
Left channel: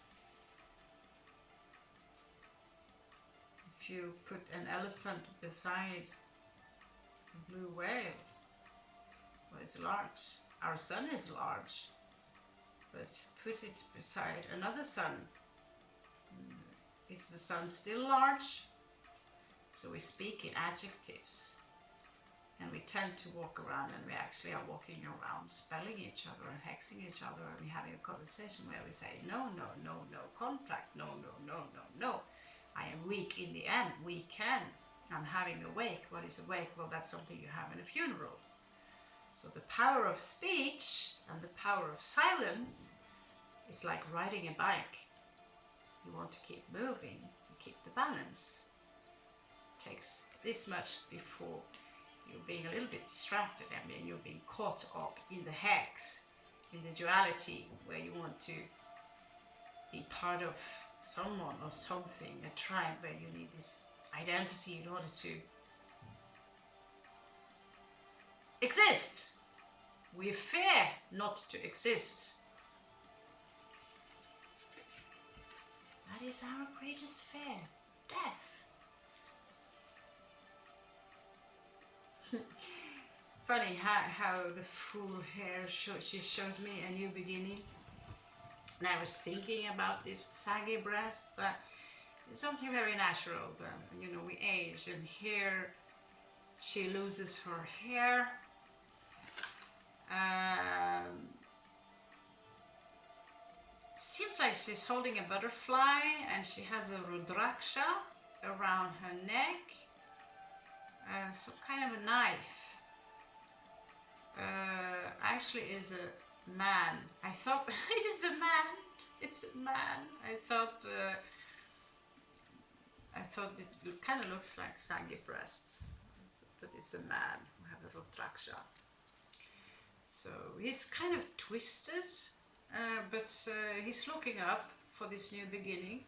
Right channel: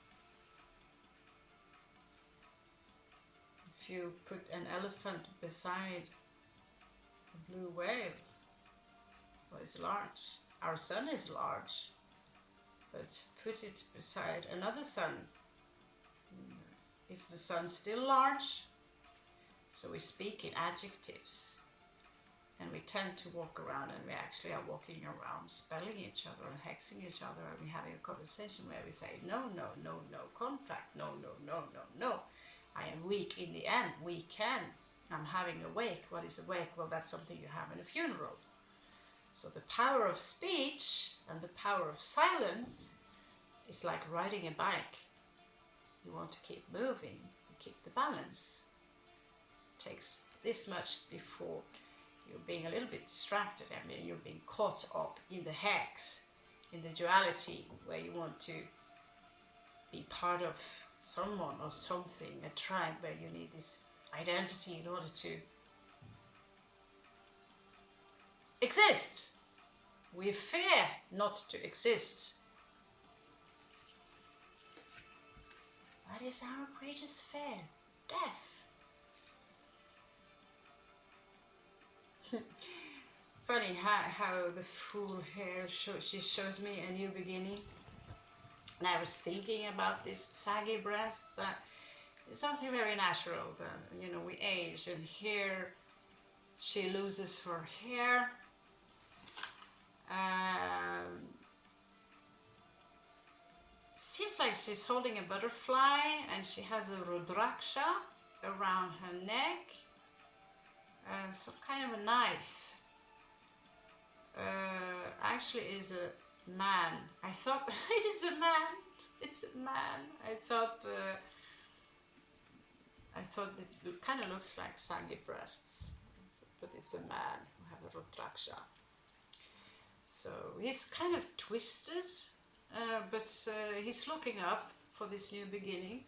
If you put an elephant beside a blue whale, what is large? Our sun is large, but put it beside another sun. Is the sun still large? So we speak in adjectives, and we tend to walk around, and we actually are walking around spelling each other and hexing each other, and we're having a conversation where we say no, no, no, no contract, no, no, no, no, no. I am weak in the end, we can. I'm having a wake. What is a wake? Well, that's something you have in a funeral. So the power of speech and the power of silence is like riding a bike. You want to keep moving, you keep the balance. It takes this much before you're being a little bit distracted. I mean, you're being caught up in the hex, in the duality, where you want to be part of someone or something, a tribe where you need this identity in order to exist. We fear not to exist. That is our greatest fear, death. Funny how the fool here she shows me a new beginning. And I was thinking about this saggy breasts, that it's something very natural. That, you know, we age, and here she loses her hair. Seems like she's holding a butterfly, and she has a rudraksha around her neck, and some kind of a knife. Actually is a man. I thought it is a man. It's a man. I thought it kind of looks like saggy breasts, but it's a man who have a rudraksha. So he's kind of twisted, but he's looking up for this new beginning.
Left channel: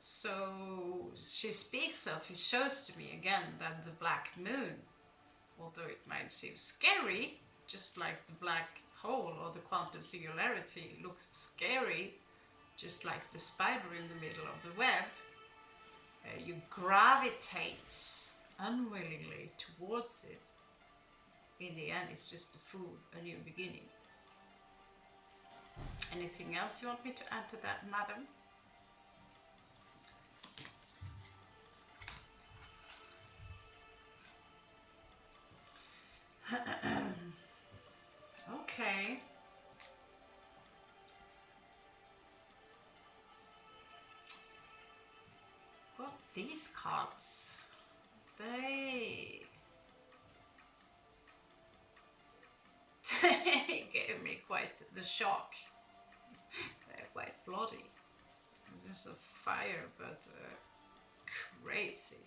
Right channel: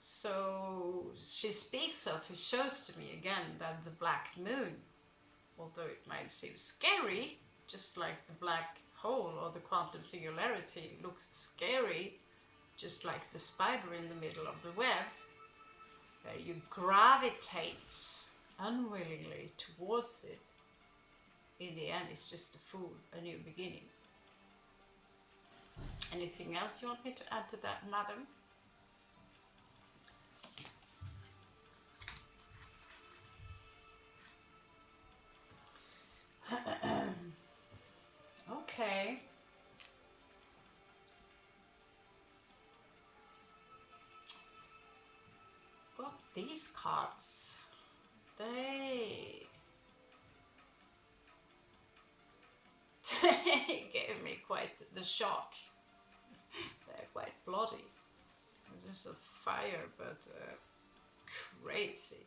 So she speaks of, he shows to me again that the black moon, although it might seem scary, just like the black hole or the quantum singularity looks scary, just like the spider in the middle of the web, you gravitate unwillingly towards it. In the end, it's just a fool, a new beginning. Anything else you want me to add to that, madam? Okay. Got these cards. They gave me quite the shock. They're quite bloody. Just a fire, but crazy.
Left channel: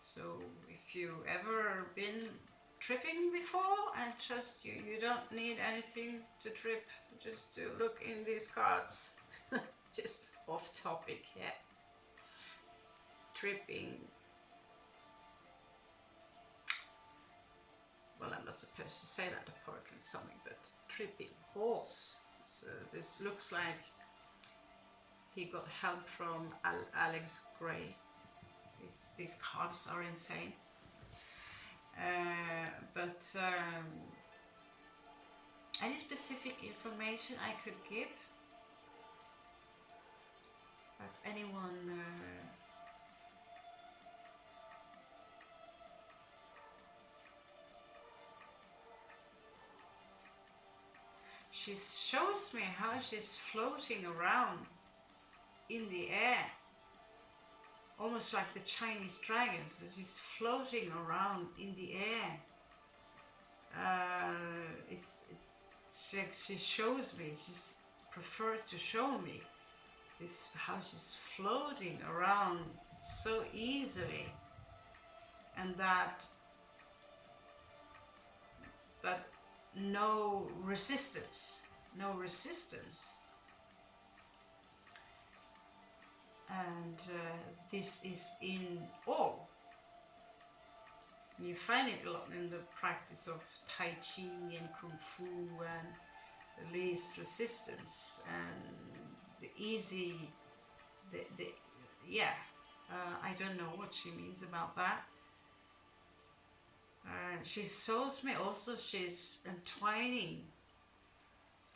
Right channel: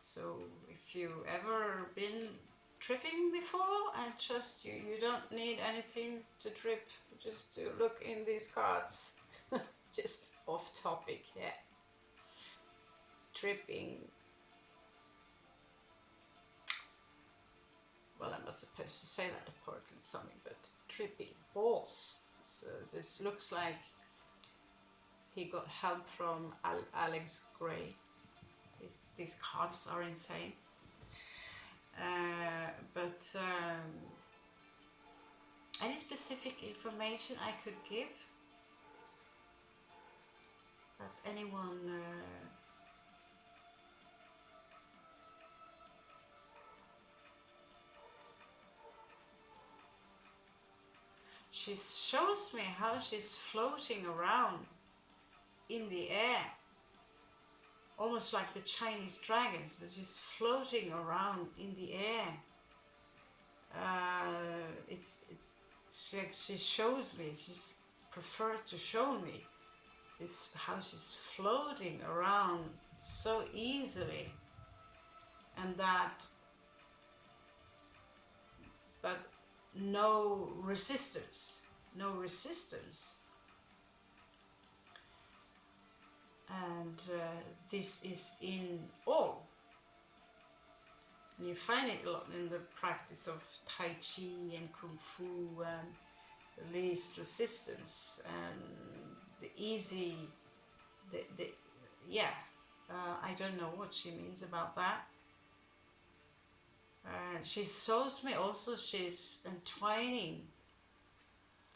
So if you ever been tripping before, and trust you, you don't need anything to trip, just to look in these cards. Just off topic, yeah. Tripping. Well, I'm not supposed to say that apparently something, but tripping balls. So this looks like he got help from Alex Gray. These cards are insane. But any specific information I could give? But anyone she shows me how she's floating around in the air, almost like the Chinese dragons, but she's floating around in the air. It's like she shows me, she's preferred to show me this, how she's floating around so easily, and that no resistance, and this is in all. You find it a lot in the practice of Tai Chi and Kung Fu, and the least resistance and the easy, I don't know what she means about that. She shows me also she's entwining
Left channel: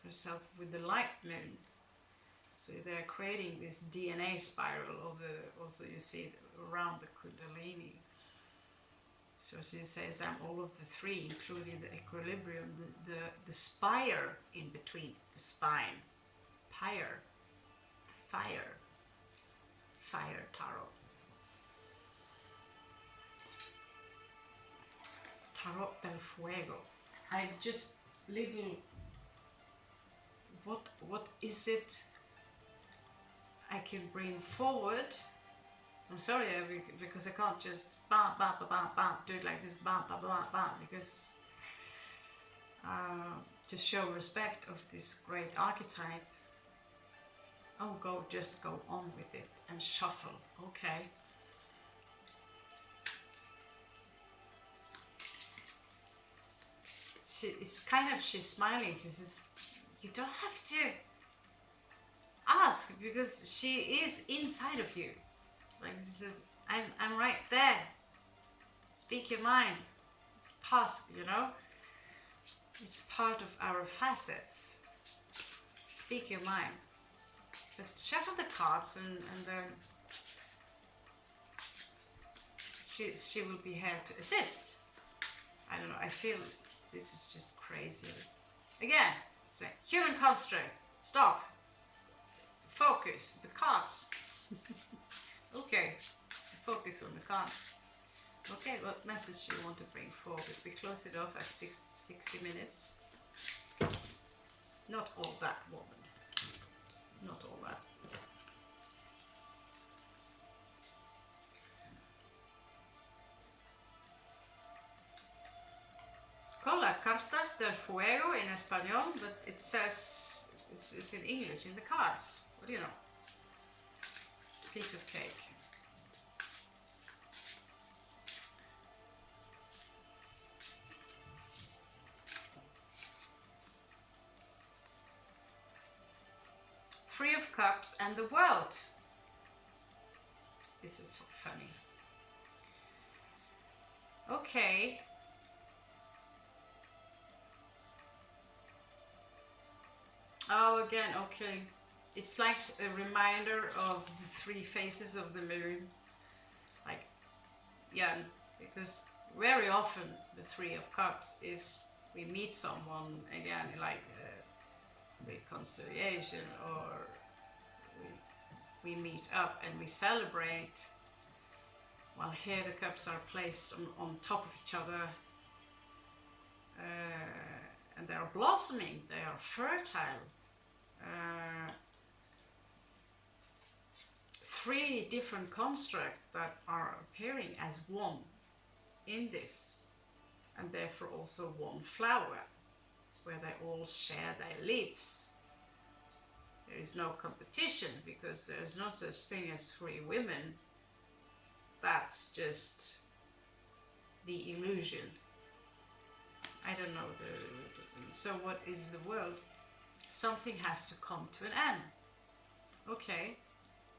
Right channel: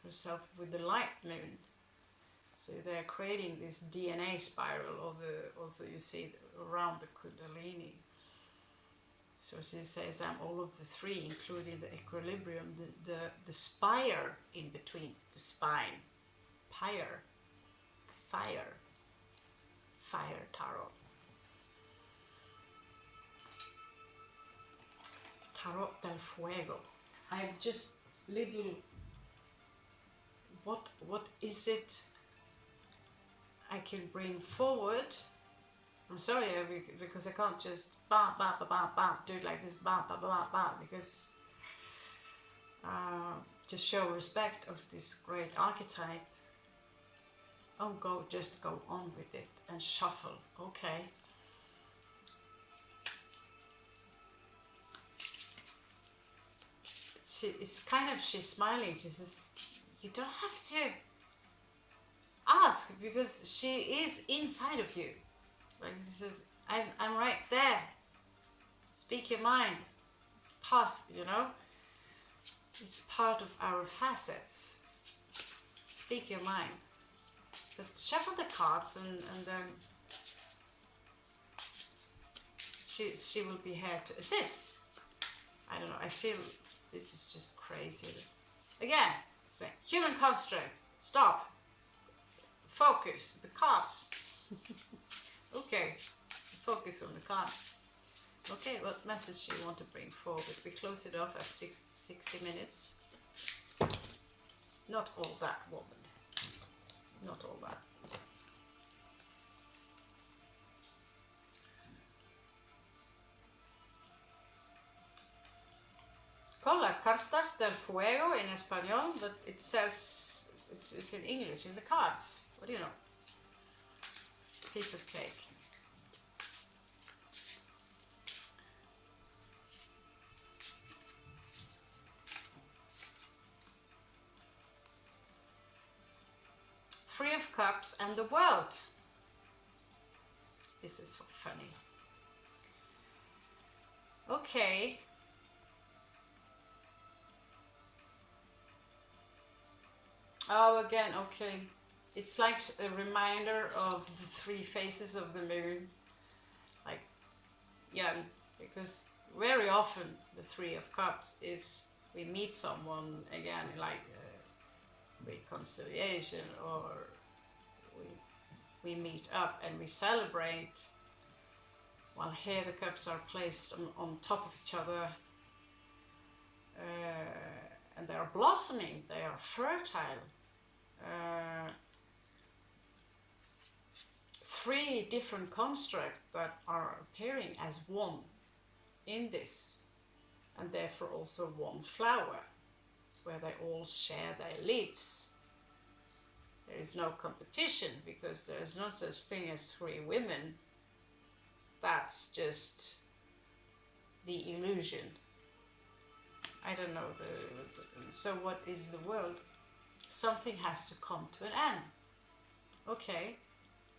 herself with the light moon. So they're creating this DNA spiral, also you see around the Kundalini. So she says I'm all of the three, including the equilibrium, the spire in between the spine. Fire tarot. Tarot del Fuego. I just little, what is it I can bring forward? I'm sorry, because I can't just do it like this, because to show respect of this great archetype, just go on with it and shuffle, okay. She's smiling, she says, you don't have to ask, because she is inside of you. Like she says, I'm right there. Speak your mind. It's past, It's part of our facets. Speak your mind. But shuffle the cards and she will be here to assist. I don't know, I feel this is just crazy. Again, so human construct. Stop. Focus. The cards. Okay. Focus on the cards. Okay, what message do you want to bring forward? We close it off at 60 minutes. Not all that, woman. Not all that. Cola Cartas del Fuego in Espanol, but it says it's in English in the cards. What do you know? Piece of cake. Three of Cups and the World. This is funny. Okay. Oh, again, okay. It's like a reminder of the three phases of the moon. Like, yeah, because very often the Three of Cups is we meet someone again, like reconciliation, or we meet up and we celebrate, while here the cups are placed on top of each other, and they are blossoming, they are fertile. Three different constructs that are appearing as one in this, and therefore also one flower, where they all share their leaves. There is no competition, because there is no such thing as three women. That's just the illusion. I don't know. So what is the world? Something has to come to an end. Okay,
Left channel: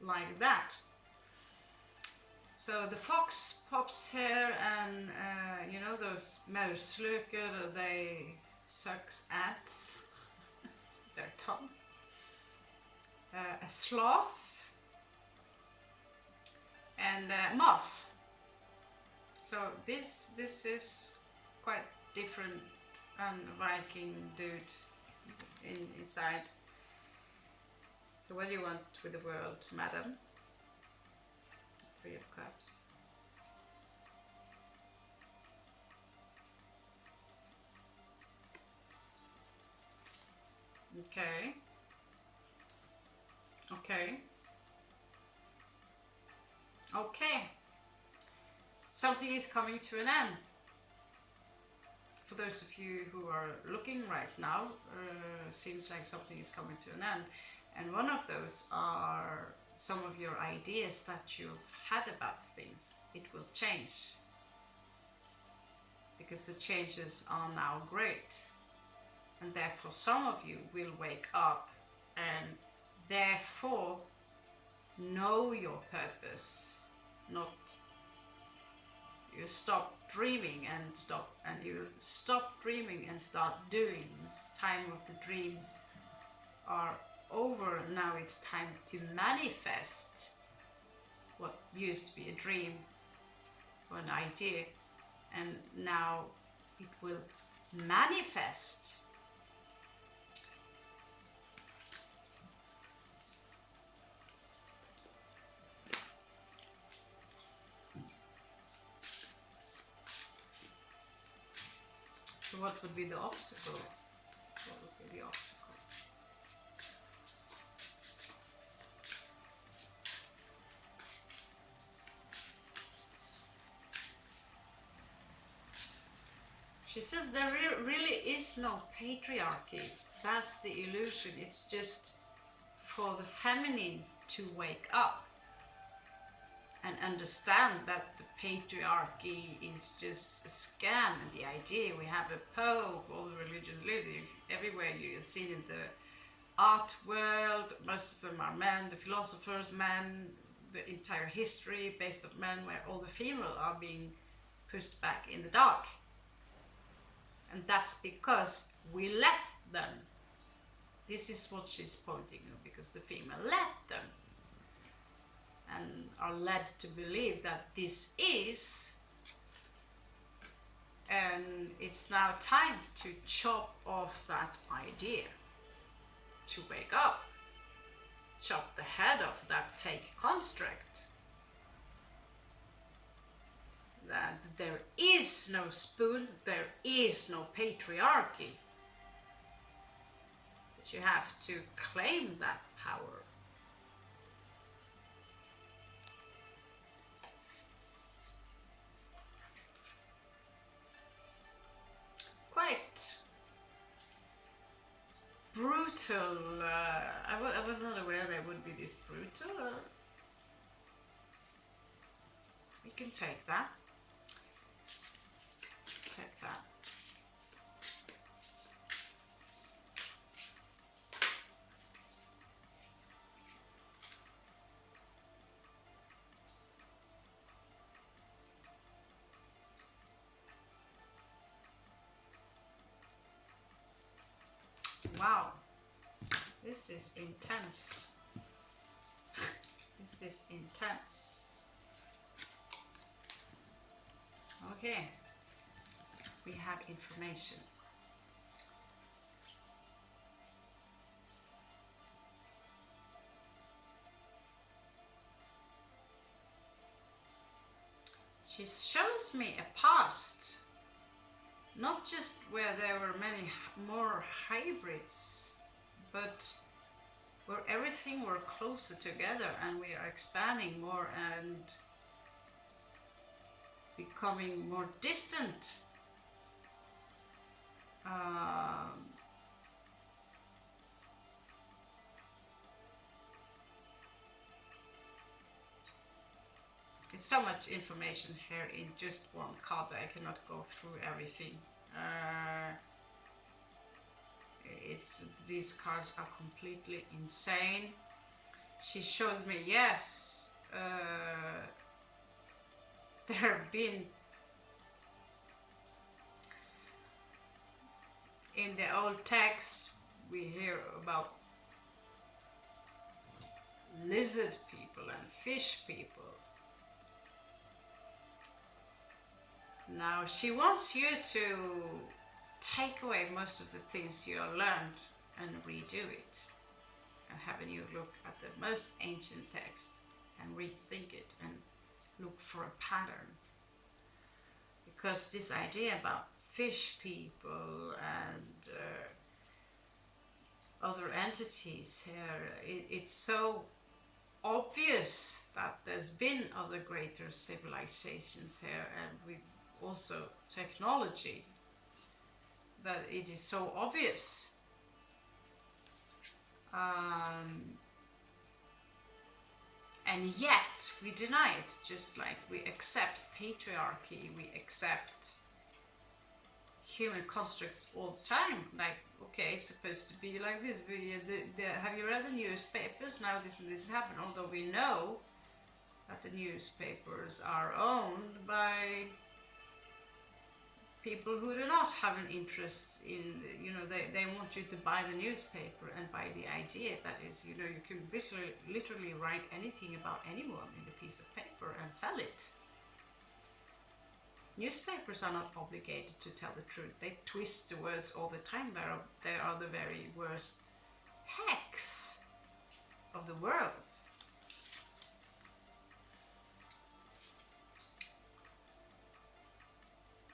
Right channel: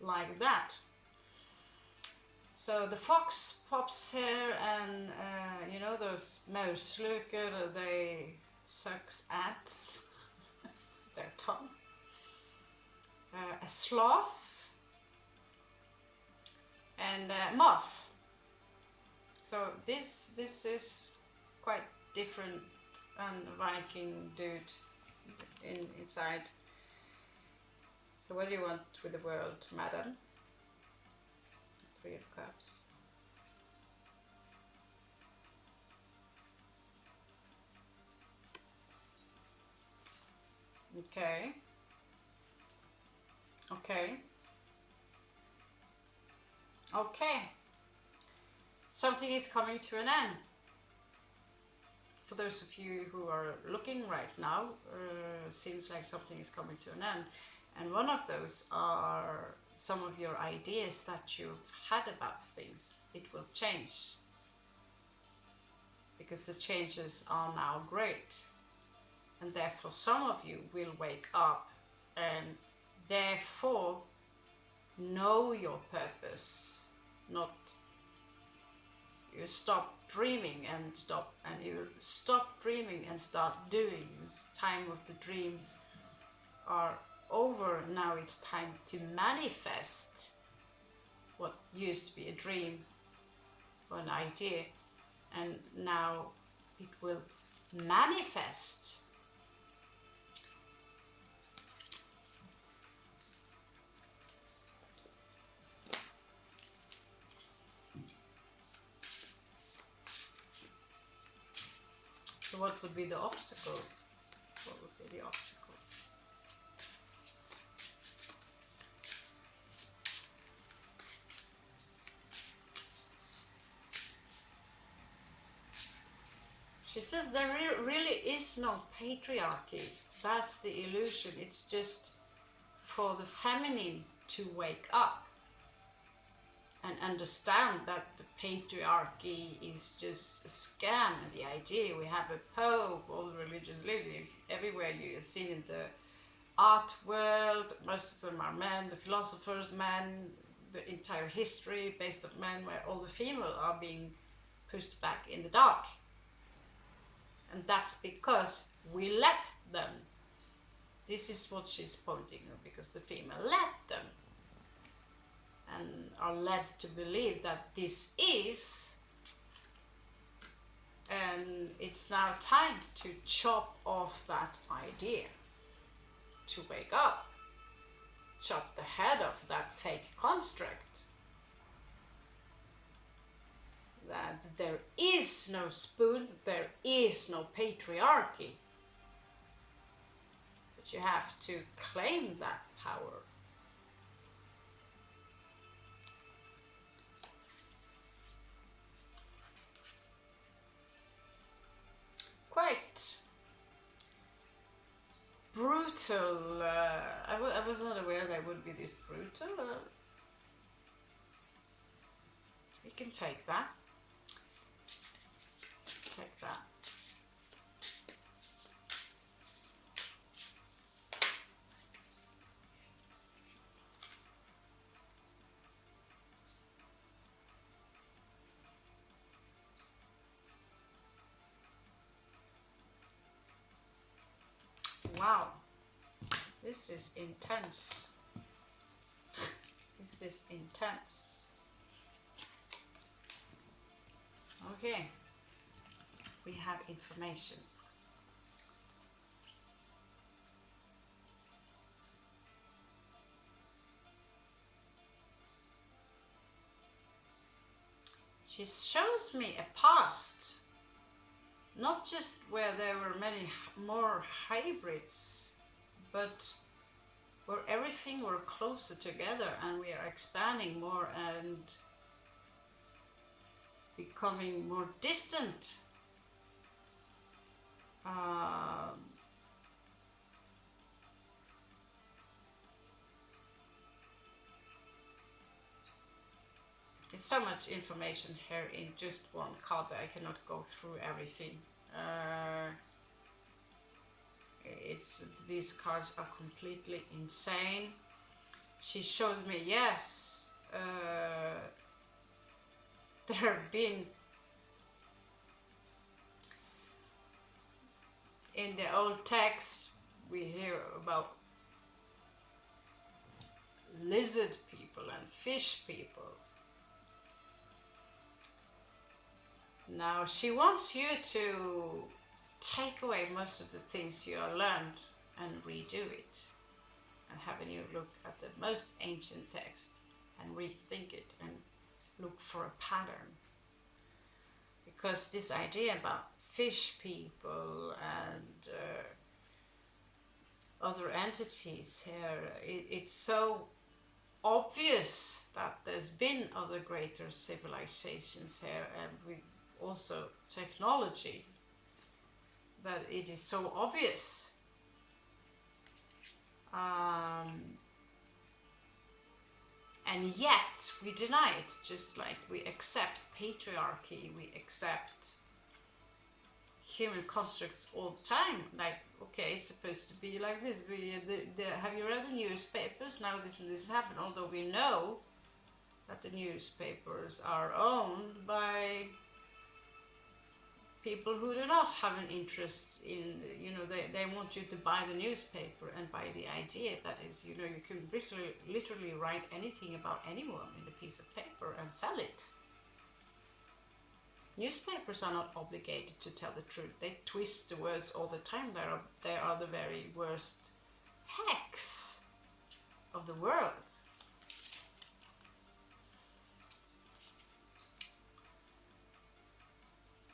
like that. So the fox pops here, and you know those mausløker, they sucks ants, their tongue. A sloth, and moth. So this is quite different and Viking dude inside. So what do you want with the world, madam? Three of Cups. Okay. Okay. Okay. Something is coming to an end. For those of you who are looking right now, seems like something is coming to an end. And one of those are some of your ideas that you've had about things. It will change. Because the changes are now great. And therefore some of you will wake up and therefore know your purpose. Not you stop dreaming and you stop dreaming and start doing. This time of the dreams are over. Now it's time to manifest what used to be a dream or an idea, and now it will manifest. So what would be the obstacle? What would be the obstacle? She says there really is no patriarchy. That's the illusion. It's just for the feminine to wake up and understand that the patriarchy is just a scam. And the idea we have a pope, all the religious leaders, everywhere you've seen in the art world, most of them are men, the philosophers, men, the entire history based on men, where all the female are being pushed back in the dark. And that's because we let them. This is what she's pointing at, because the female let them. And are led to believe that this is, and it's now time to chop off that idea, to wake up, chop the head off that fake construct, that there is no spoon, there is no patriarchy, but you have to claim that power. Quite brutal. I was not aware they would be this brutal. We can take that. Take that. Wow, this is intense. This is intense. Okay, we have information. She shows me a past. Not just where there were many more hybrids, but where everything were closer together and we are expanding more and becoming more distant. There's so much information here in just one card that I cannot go through everything. These cards are completely insane. She shows me, yes, there have been in the old text we hear about lizard people and fish people. Now she wants you to take away most of the things you have learned and redo it, and have a new look at the most ancient text and rethink it and look for a pattern. Because this idea about fish people and other entities here, it's so obvious that there's been other greater civilizations here, and with also technology, that it is so obvious. And yet we deny it, just like we accept patriarchy, we accept human constructs all the time. Like, okay, it's supposed to be like this. Have you read the newspapers? Now this and this happened. Although we know that the newspapers are owned by people who do not have an interest in, they want you to buy the newspaper and buy the idea that is, you can literally write anything about anyone in a piece of paper and sell it. Newspapers are not obligated to tell the truth. They twist the words all the time. They are the very worst hacks of the world.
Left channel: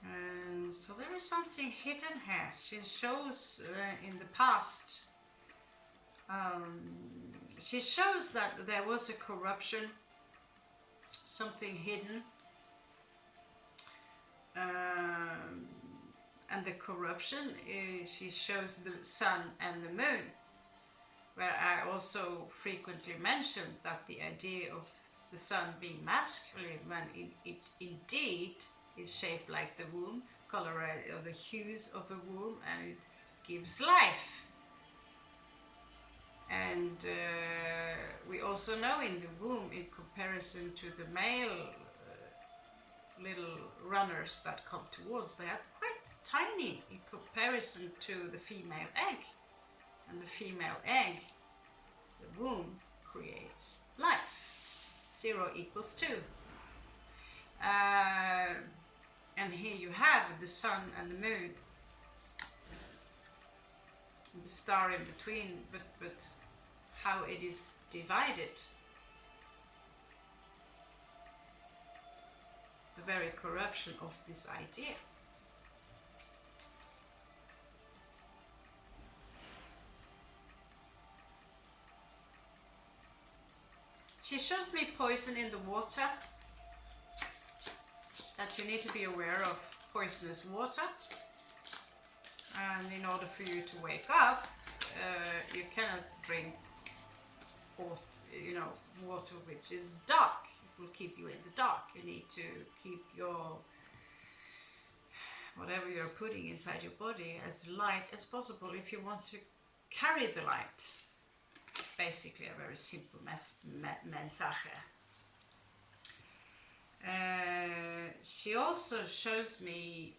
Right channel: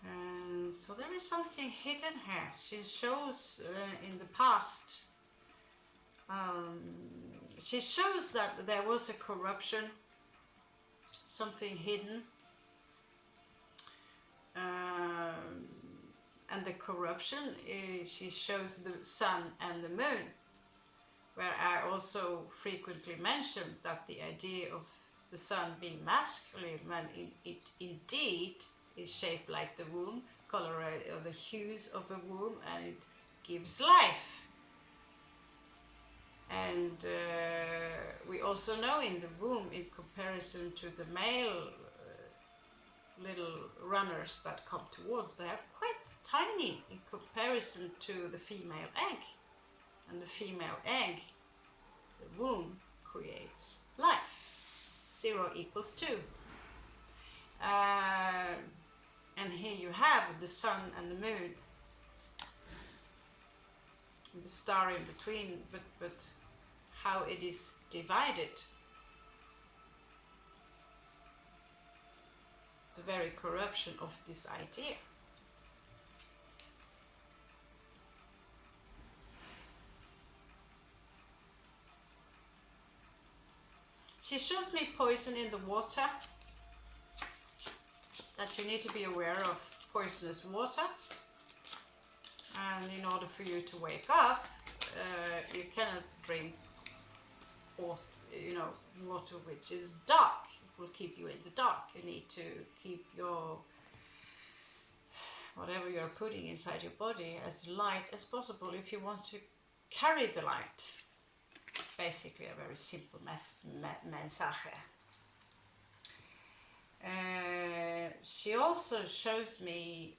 And so there is something hidden here. She shows in the past, she shows that there was a corruption, something hidden. And the corruption is, she shows the sun and the moon, where I also frequently mentioned that the idea of the sun being masculine, when it indeed is shaped like the womb, color of the hues of the womb, and it gives life. And we also know in the womb, in comparison to the male little runners that come towards, they are quite tiny in comparison to the female egg. And the female egg, the womb, creates life. 0 equals 2. And here you have the sun and the moon, the star in between, but how it is divided. The very corruption of this idea. She shows me poison in the water, that you need to be aware of poisonous water, and in order for you to wake up, you cannot drink water which is dark. It will keep you in the dark. You need to keep your whatever you're putting inside your body as light as possible if you want to carry the light. Basically a very simple message. She also shows me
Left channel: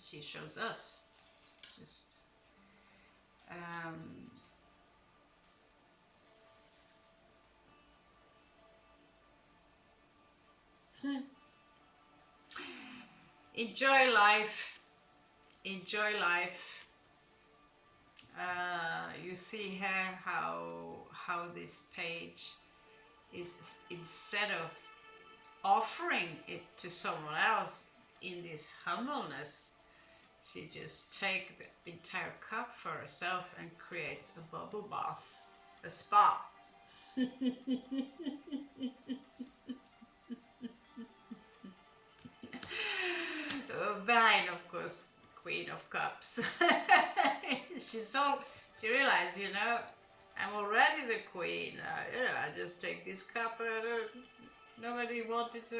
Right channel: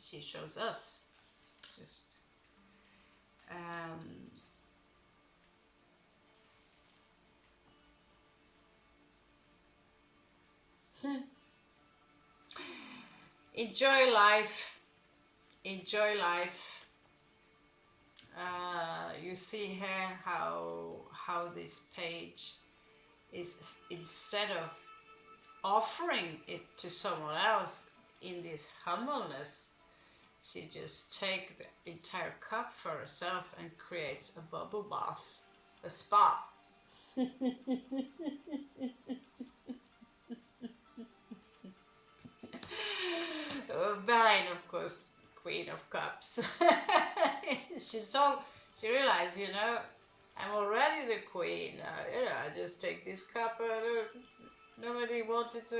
she shows us just enjoy life, enjoy life. You see here how this page is, instead of offering it to someone else in this humbleness, she just takes the entire cup for herself and creates a bubble bath, a spa. Behind, of course, Queen of Cups. She realized, I'm already the queen. I just take this cup. Nobody wanted to,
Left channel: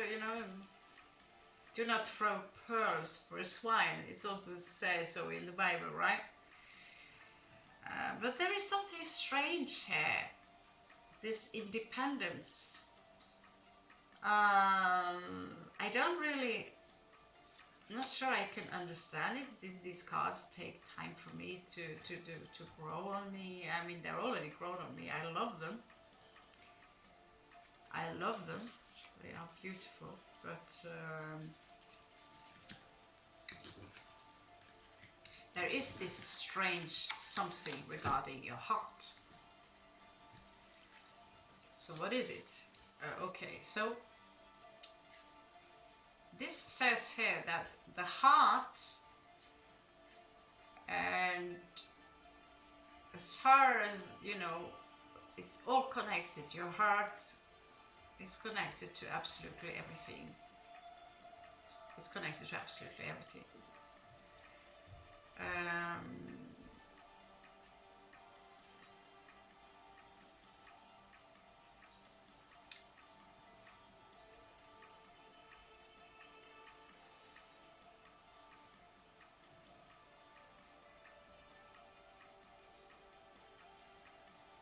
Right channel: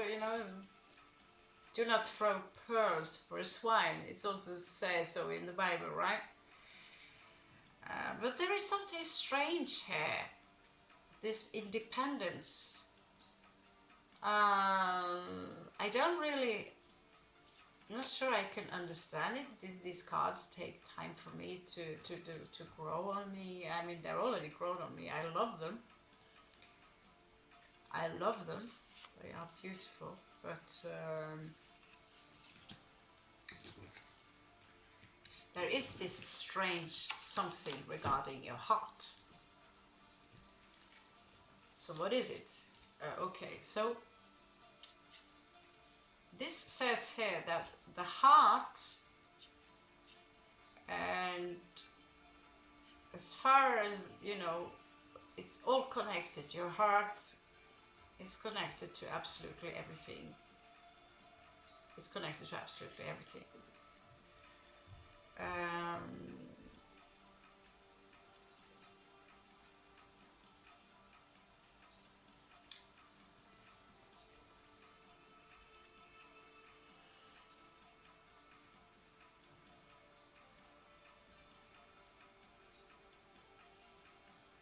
do not throw pearls for a swine. It also says so in the Bible, right? But there is something strange here. This independence. I'm not sure I can understand it. These cards take time for me to grow on me. I mean, they're already grown on me. I love them. I love them. They are beautiful, but there is this strange something regarding your heart. So what is it? Okay, so this says here that the heart, and as far as you know, it's all connected. Your heart is connected to absolutely everything. It's connected to absolutely everything.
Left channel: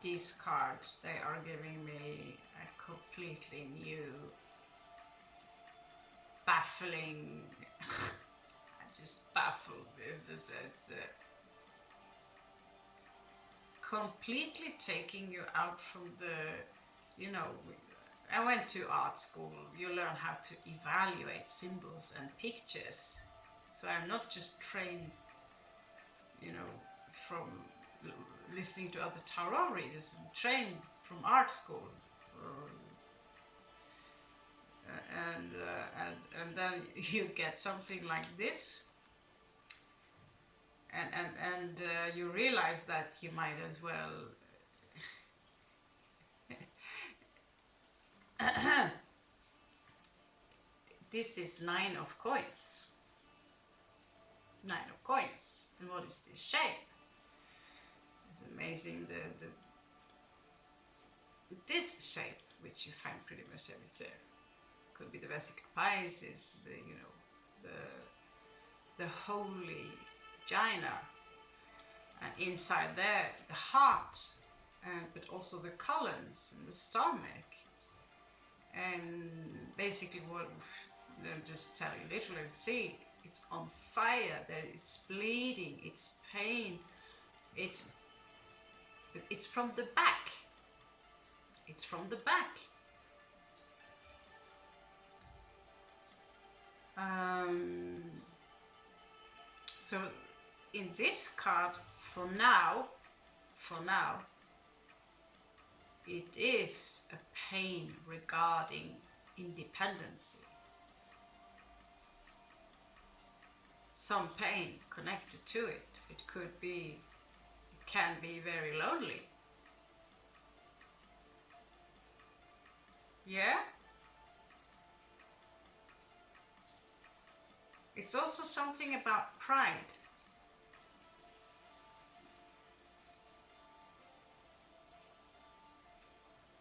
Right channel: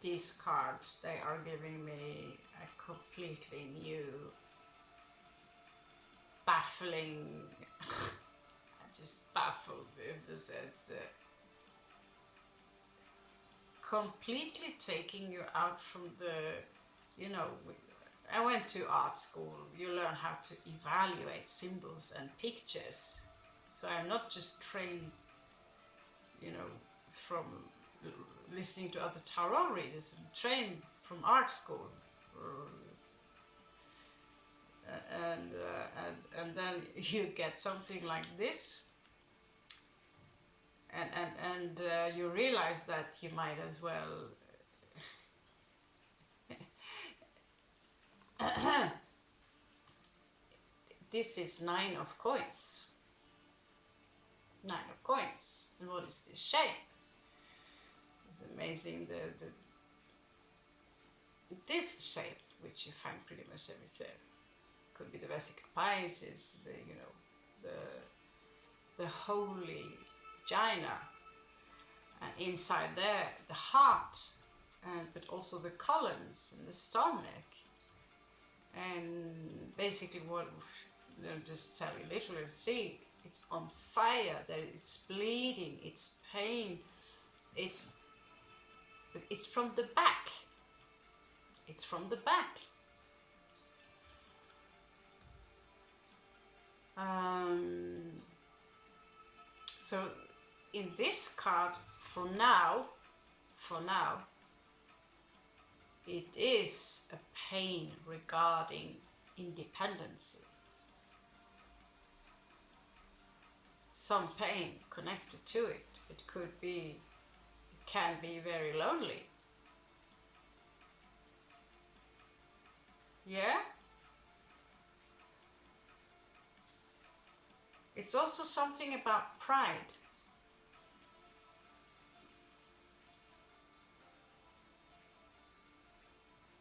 These cards, they are giving me a completely new, baffling, I'm just baffled. It's completely taking you out from the, you know, I went to art school. You learn how to evaluate symbols and pictures. So I'm not just trained, you know, from listening to other tarot readers. I'm trained from art school. And then you get something like this, and you realize that you might as well this is 9 of coins. 9 of coins. And what is this shape? It's amazing. This shape, which you find pretty much everywhere, could be the vesica Pisces, the holy vagina, and inside there the heart, but also the colons and the stomach, and basically what they'll just tell you literally, see, it's on fire, there it's bleeding, it's pain, it's from the back. It's from the back. So in this card, for now, it is a pain regarding independency. Some pain connected to it. It can be very lonely. Yeah? It's also something about pride.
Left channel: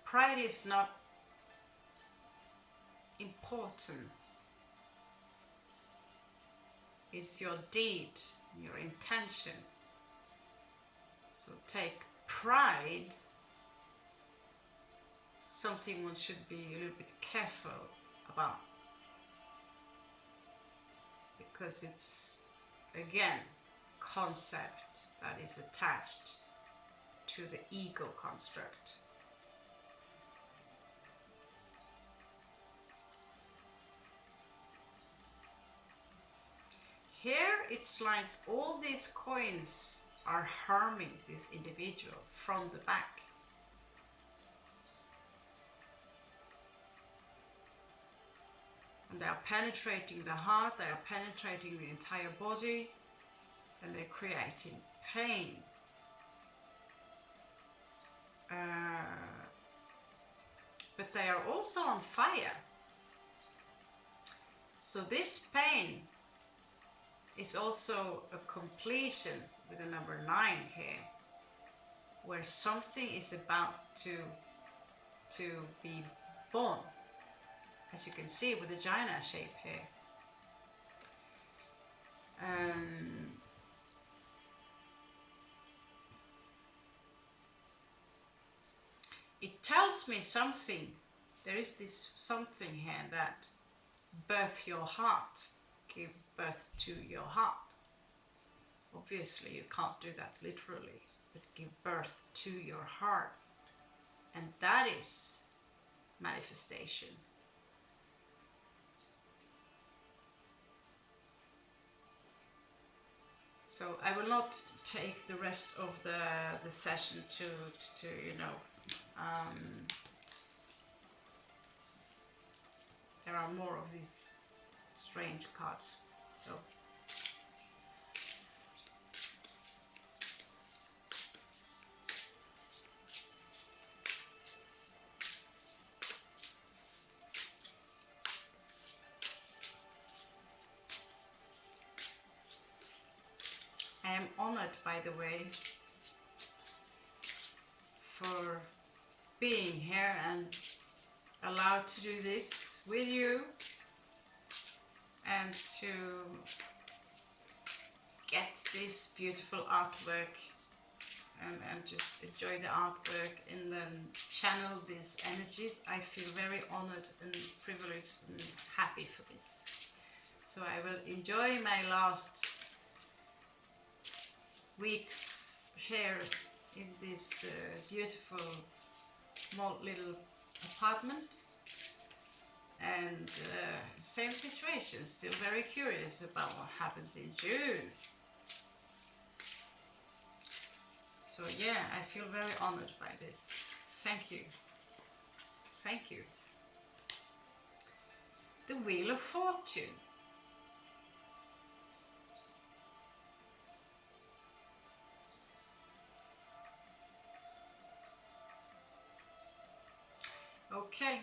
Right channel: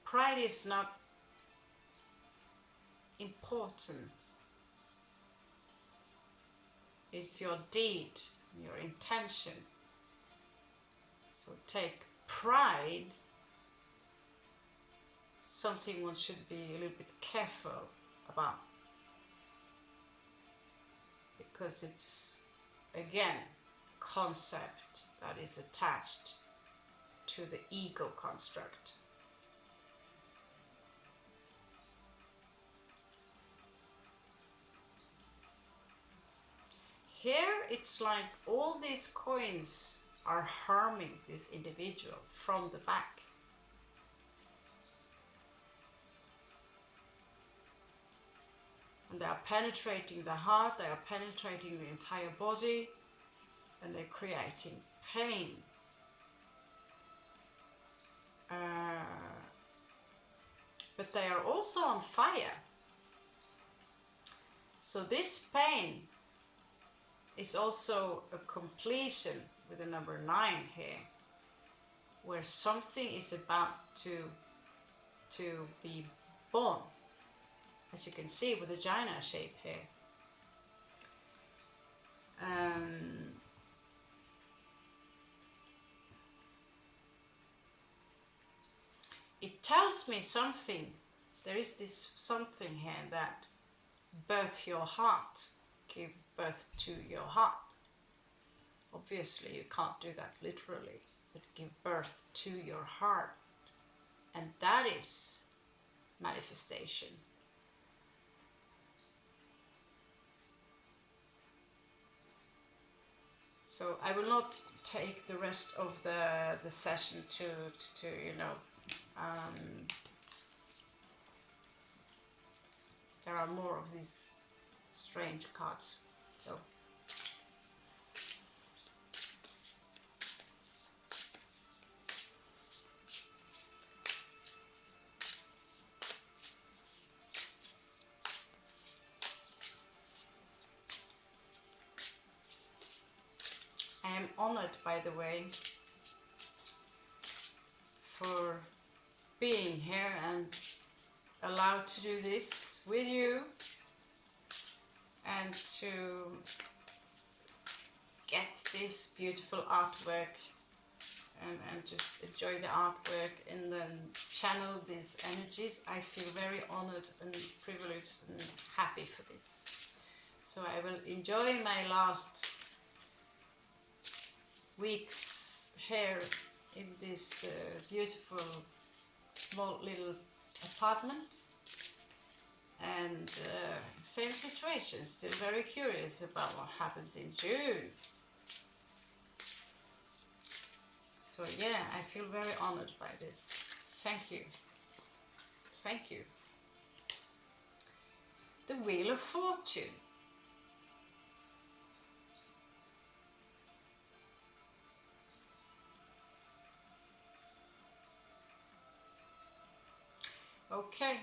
Pride is not important. It's your deed, your intention. So take pride, something one should be a little bit careful about, because it's, again, concept that is attached to the ego construct. Here it's like all these coins are harming this individual from the back. And they are penetrating the heart, they are penetrating the entire body, and they're creating pain. But they are also on fire. So this pain is also a completion with the number 9 here, where something is about to be born, as you can see with the vagina shape here. It tells me something. There is this something here that birth your heart, give birth to your heart. Obviously you can't do that literally, but give birth to your heart. And that is manifestation. So I will not take the rest of the session to you know, there are more of these strange cards. So I am honored, by the way, for being here and allowed to do this with you and to get this beautiful artwork and just enjoy the artwork and then channel these energies. I feel very honored and privileged and happy for this. So I will enjoy my last weeks here in this beautiful small little apartment, and same situation, still very curious about what happens in June. So yeah, I feel very honored by this. Thank you. Thank you. The Wheel of Fortune. Okay.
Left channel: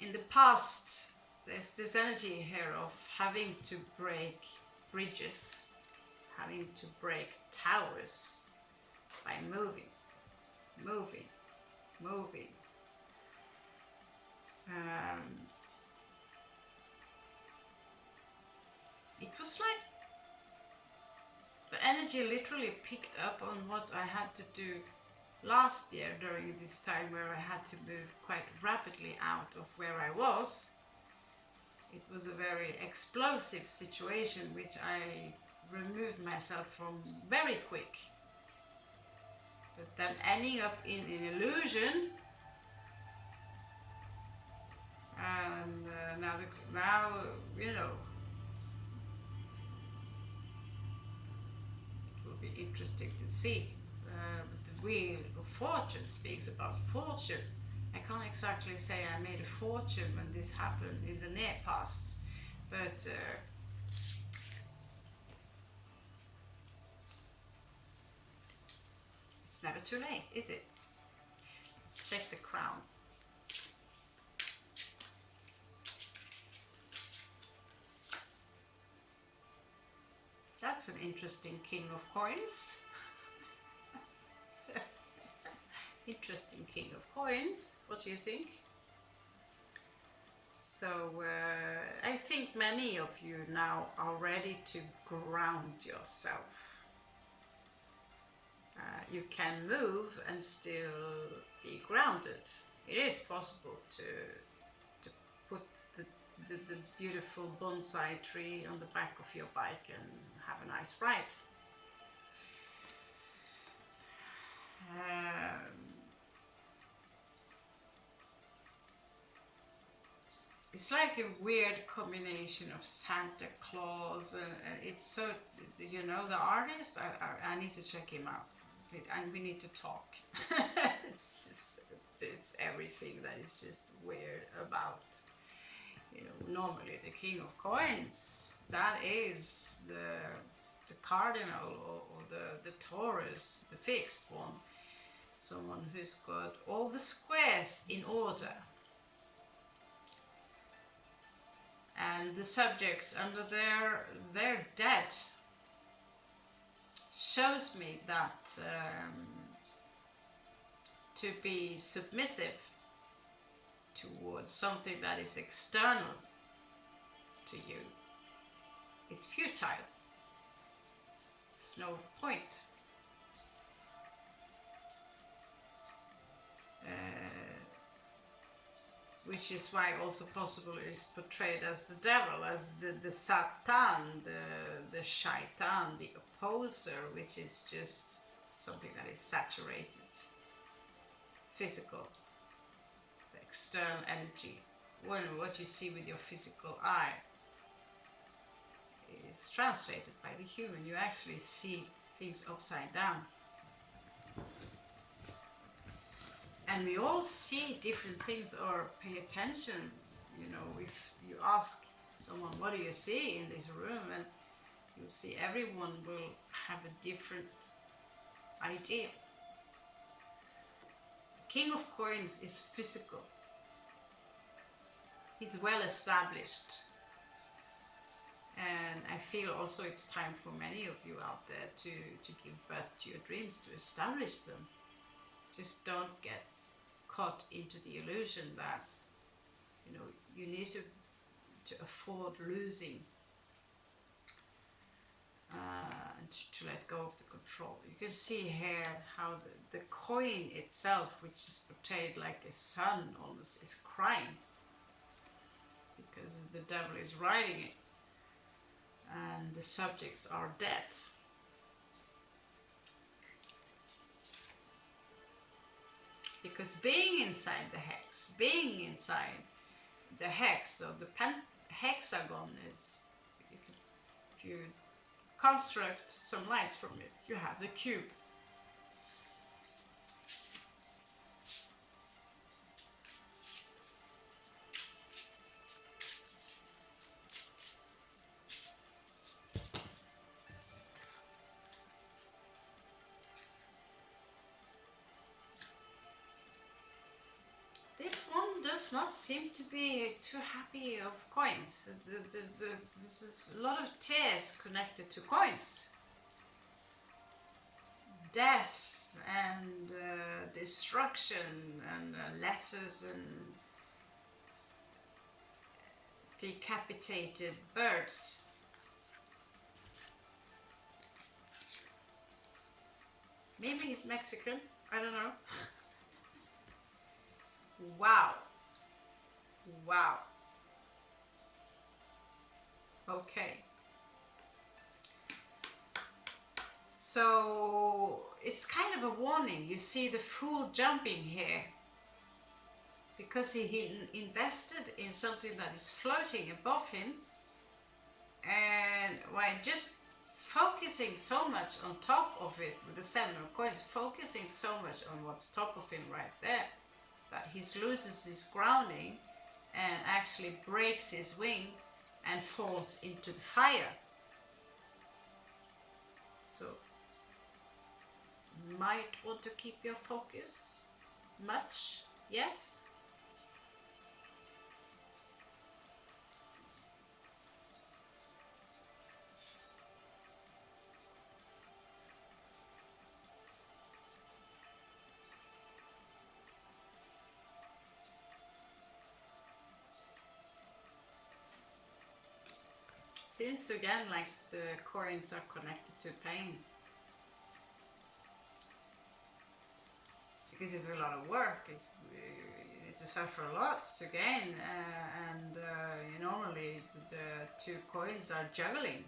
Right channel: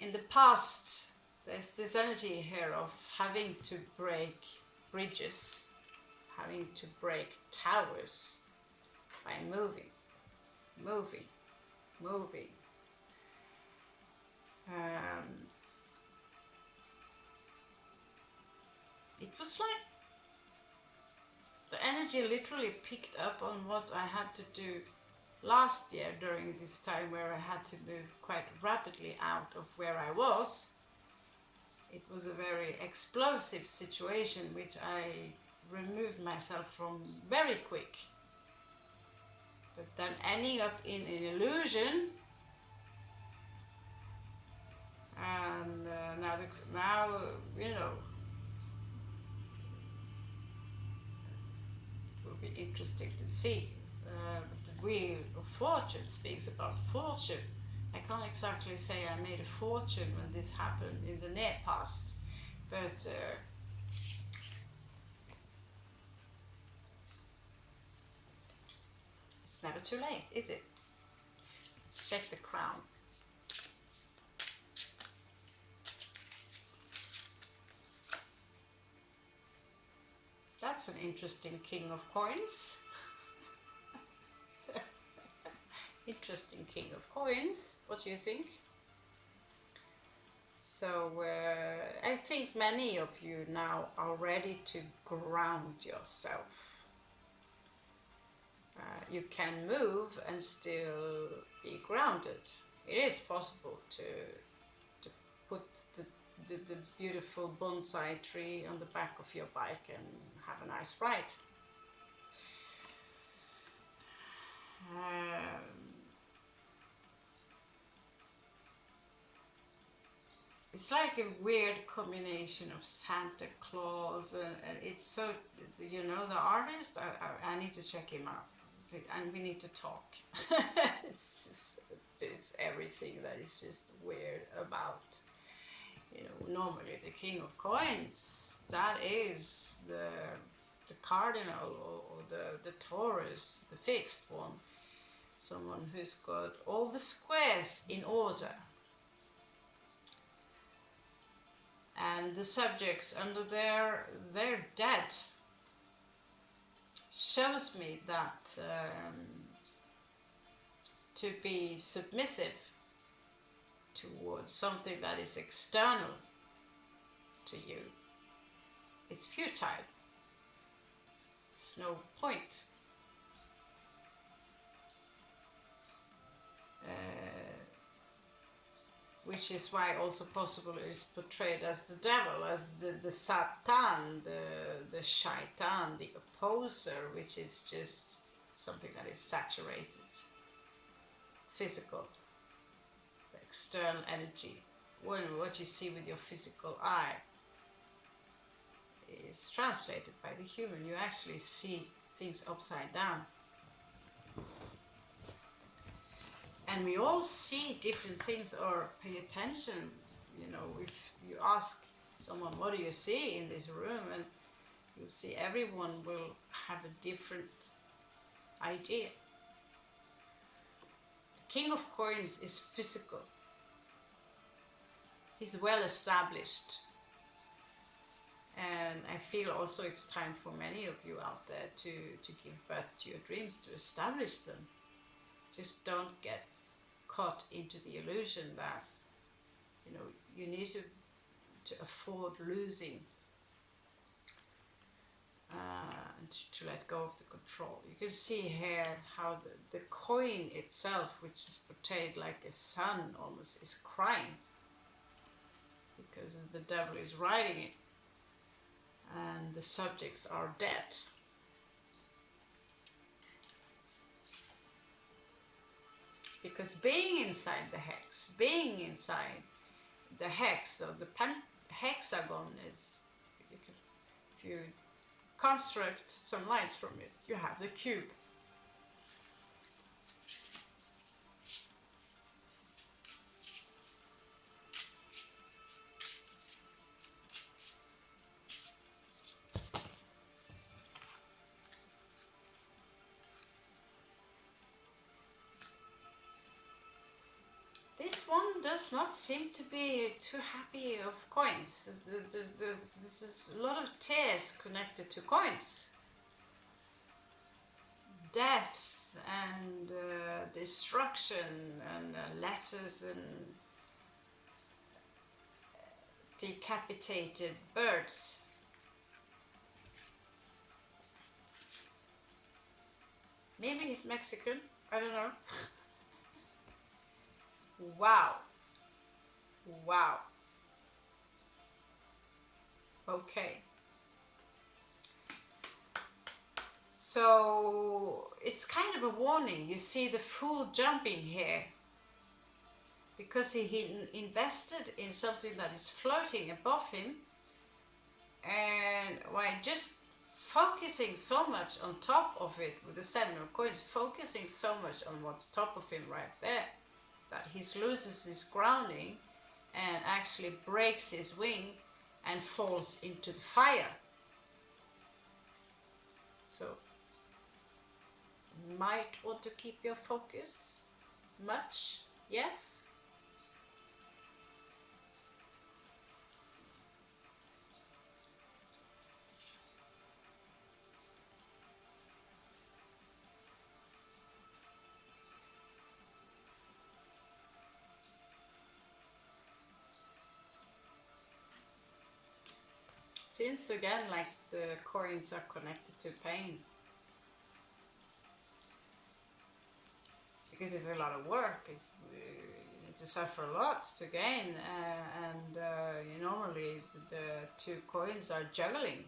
In the past, there's this energy here of having to break bridges, having to break towers by moving. It was like the energy literally picked up on what I had to do last year during this time, where I had to move quite rapidly out of where I was. It was a very explosive situation which I removed myself from very quick. But then ending up in an illusion, and now you know, it will be interesting to see. But the Wheel of Fortune speaks about fortune. I can't exactly say I made a fortune when this happened in the near past, but it's never too late, is it? Let's check the crown. That's an interesting King of Coins. Interesting King of Coins. What do you think? So I think many of you now are ready to ground yourself. You can move and still be grounded. It is possible to put the beautiful bonsai tree on the back of your bike and have a nice ride. It's like a weird combination of Santa Claus and it's so, you know, the artist, I need to check him out and we need to talk. it's everything that is just weird about, you know, normally the King of Coins, that is the cardinal or the Taurus, the fixed one, someone who's got all the squares in order. And the subjects under their dead shows me that to be submissive towards something that is external to you is futile. It's no point. Which is why also possible it is portrayed as the devil, as the Satan, the shaitan, the opposer, which is just something that is saturated, physical, the external energy. Well, what you see with your physical eye is translated by the human. You actually see things upside down. And we all see different things or pay attention. You know, if you ask someone, what do you see in this room? And you'll see everyone will have a different idea. The King of Coins is physical. He's well established. And I feel also it's time for many of you out there to give birth to your dreams, to establish them. Just don't get caught into the illusion that, you know, you need to afford losing and to let go of the control. You can see here how the coin itself, which is portrayed like a sun almost, is crying because the devil is riding it and the subjects are dead. Because being inside the hex, being inside the hex of the hexagon is, if you construct some lines from it, you have the cube. This one does not seem to be too happy of coins. This is a lot of tears connected to coins. Death and destruction and letters and decapitated birds. Maybe he's Mexican, I don't know. Wow. Wow. Okay. So it's kind of a warning. You see the fool jumping here because he invested in something that is floating above him, and while just focusing so much on top of it with the 7 of coins, focusing so much on what's top of him right there, that he loses his grounding and actually breaks his wing and falls into the fire. So, might want to keep your focus much, yes? Since again, like the coins are connected to pain, because it's a lot of work. You need to suffer a lot to gain, and normally the 2 coins are juggling.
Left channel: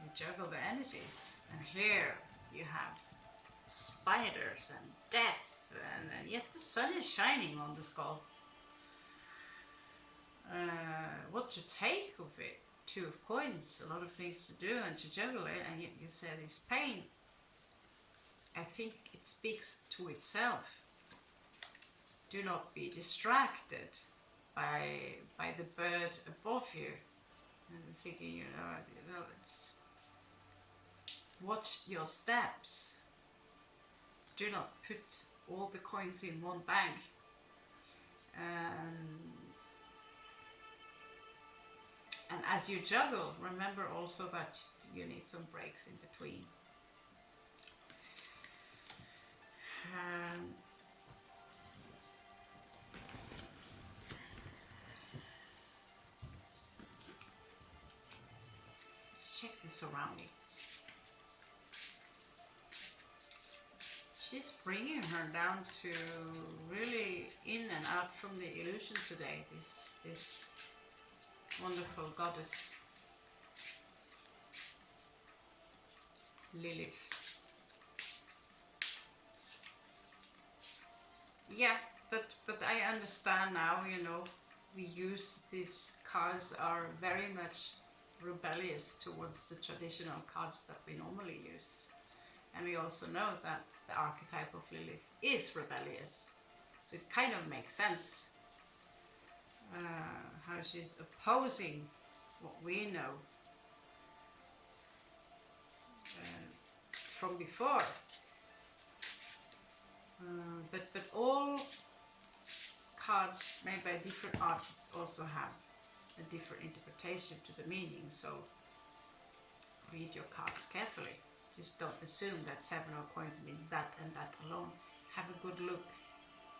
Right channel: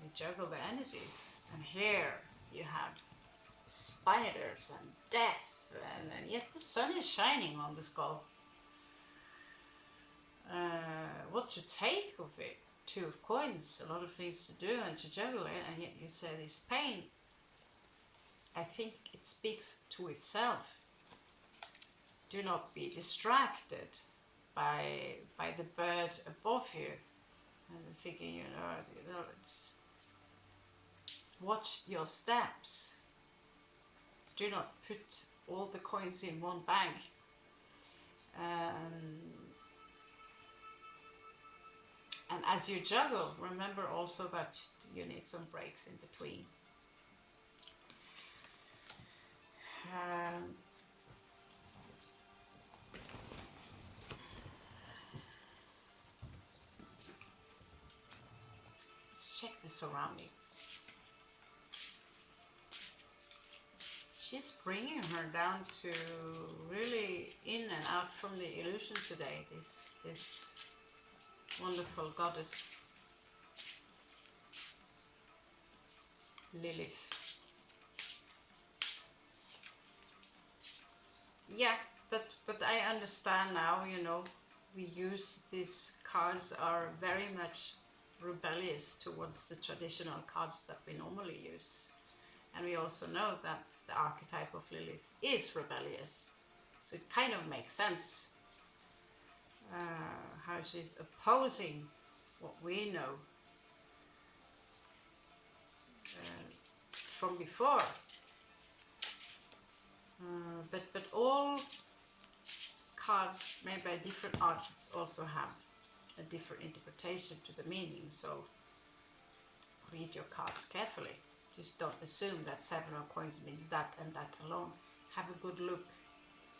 You juggle the energies, and here you have spiders and death, and yet the sun is shining on the skull. What to take of it? 2 of coins, a lot of things to do and to juggle it, and yet you say this pain. I think it speaks to itself. Do not be distracted by the birds above you. And I'm thinking, you know, it's watch your steps. Do not put all the coins in one bag. And as you juggle, remember also that you need some breaks in between. Let's check the surroundings. She's bringing her down to really in and out from the illusion today, this wonderful goddess Lilith. Yeah, but I understand now, you know, we use these cards are very much rebellious towards the traditional cards that we normally use. And we also know that the archetype of Lilith is rebellious. So it kind of makes sense how she's opposing what we know from before. But all cards made by different artists also have a different interpretation to the meaning. So read your cards carefully. Just don't assume that 7 of coins means that and that alone. Have a good look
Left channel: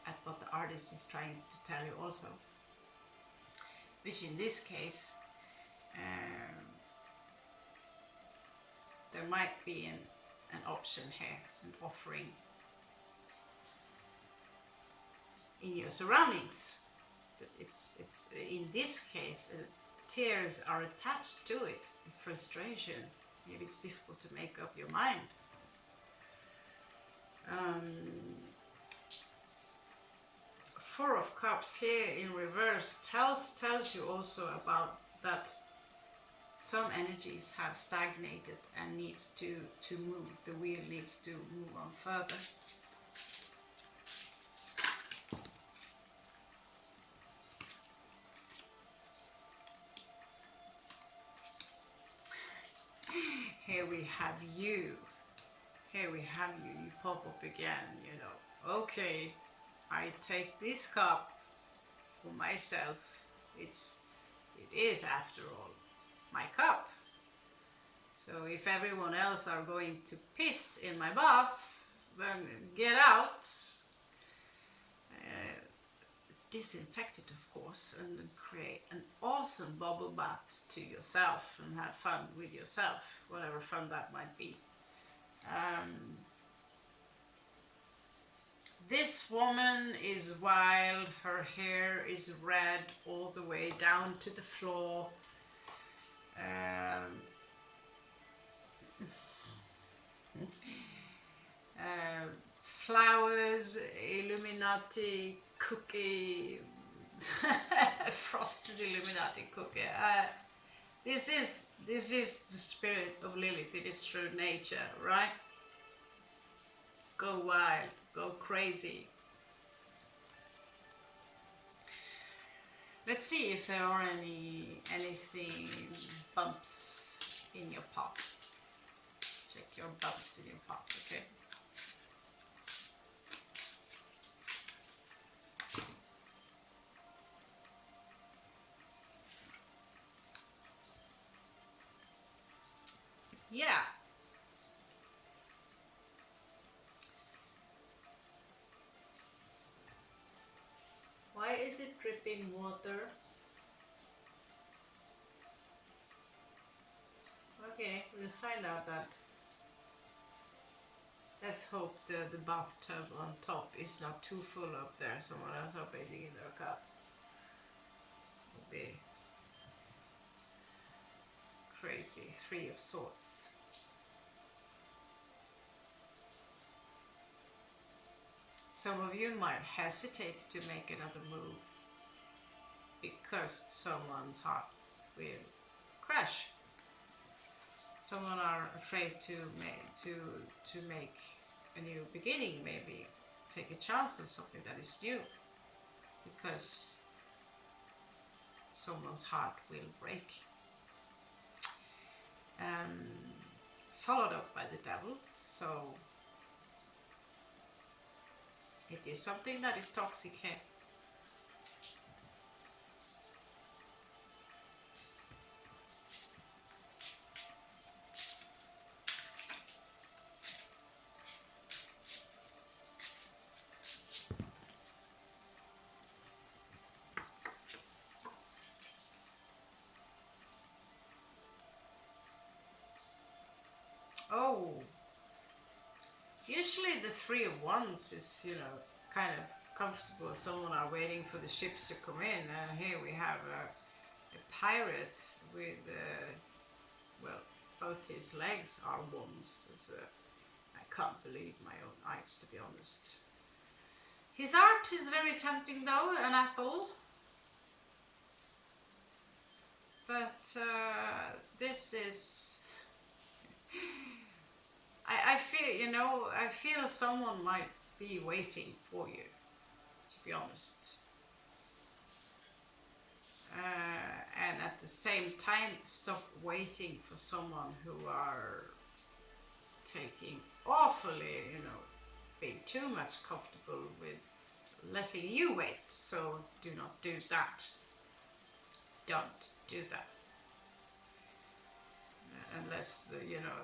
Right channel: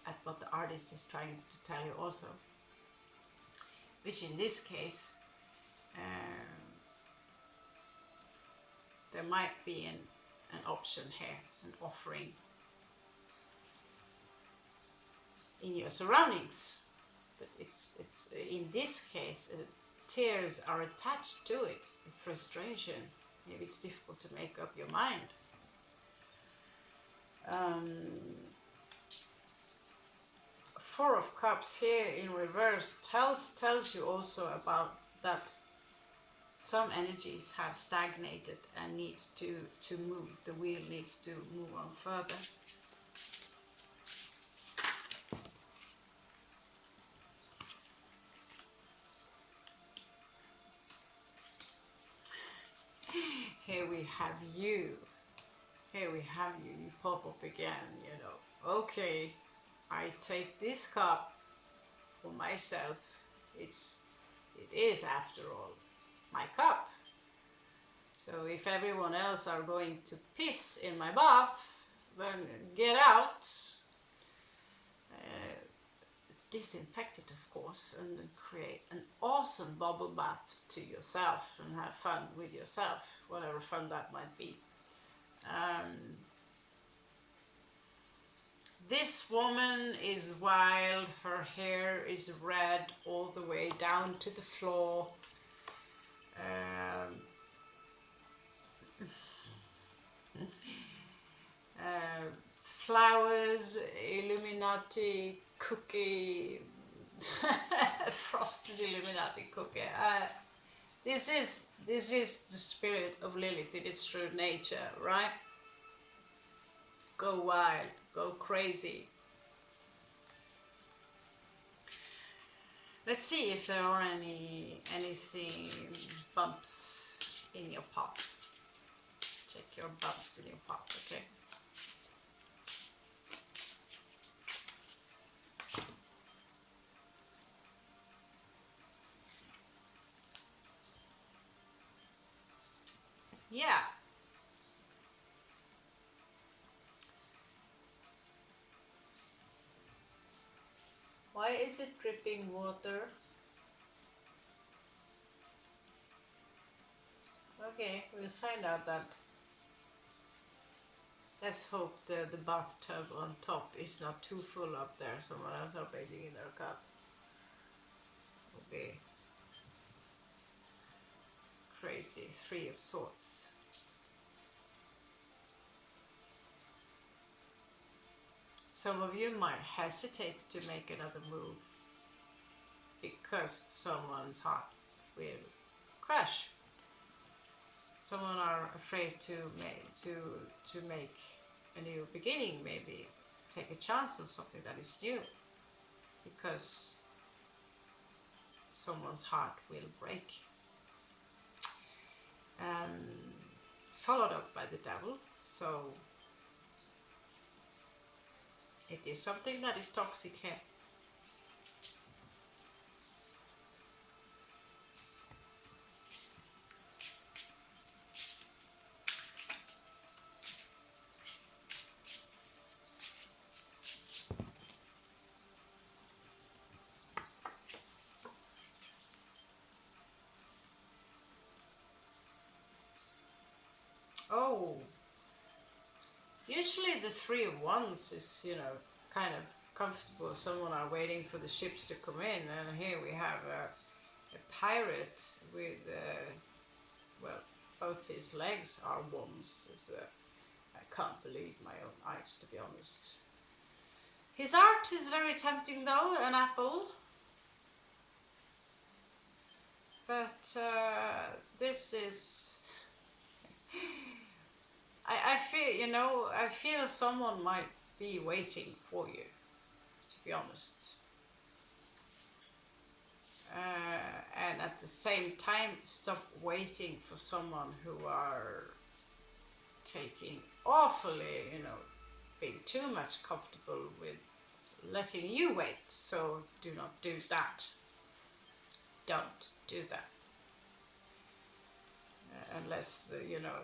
at what the artist is trying to tell you also. Which in this case, there might be an option here, an offering in your surroundings. But it's in this case, tears are attached to it, frustration. Maybe it's difficult to make up your mind. Four of Cups here in reverse tells you also about that some energies have stagnated and needs to move. The wheel needs to move on further. Here we have you. Here we have you. You pop up again, you know. Okay, I take this cup for myself. It is after all my cup. So if everyone else are going to piss in my bath, then get out. Disinfect it, of course, and then create an awesome bubble bath to yourself and have fun with yourself, whatever fun that might be. This woman is wild, her hair is red all the way down to the floor. Flowers, Illuminati cookie, frosted Illuminati cookie. This is the spirit of Lilith in its true nature, right? Go wild, go crazy. Let's see if there are anything bumps in your path. Check your bumps in your path, okay? Yeah. Why is it dripping water? Okay, we'll find out that. Let's hope the bathtub on top is not too full up there. Someone else are bathing in their cup. Would be crazy. 3 of Swords. Some of you might hesitate to make another move because someone's heart will crash. Someone are afraid to make a new beginning, maybe take a chance on something that is new, because someone's heart will break. Followed up by the devil, so it is something that is toxic here. Oh, usually the 3 of Wands is, you know, kind of comfortable. Someone are waiting for the ships to come in, and here we have a pirate with, well, both his legs are wands. I can't believe my own eyes, to be honest. His art is very tempting though, an apple. But this is... I feel, you know, I feel someone might be waiting for you, to be honest. And at the same time, stop waiting for someone who are taking awfully, you know, being too much comfortable with letting you wait. So do not do that. Don't do that. Unless you know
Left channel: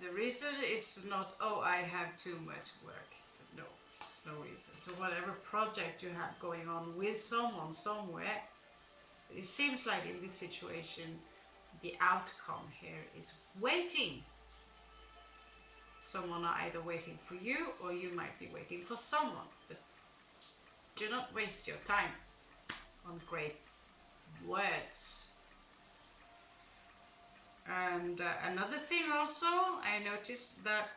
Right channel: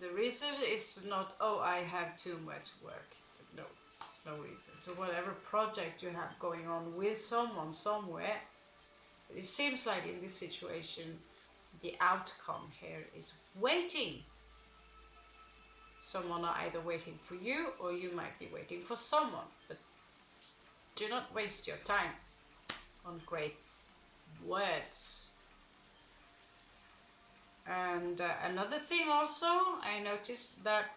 the reason is not, oh, I have too much work. No, it's no reason. So whatever project you have going on with someone somewhere, it seems like in this situation the outcome here is waiting. Someone are either waiting for you or you might be waiting for someone, but do not waste your time on great words. And another thing also, I noticed that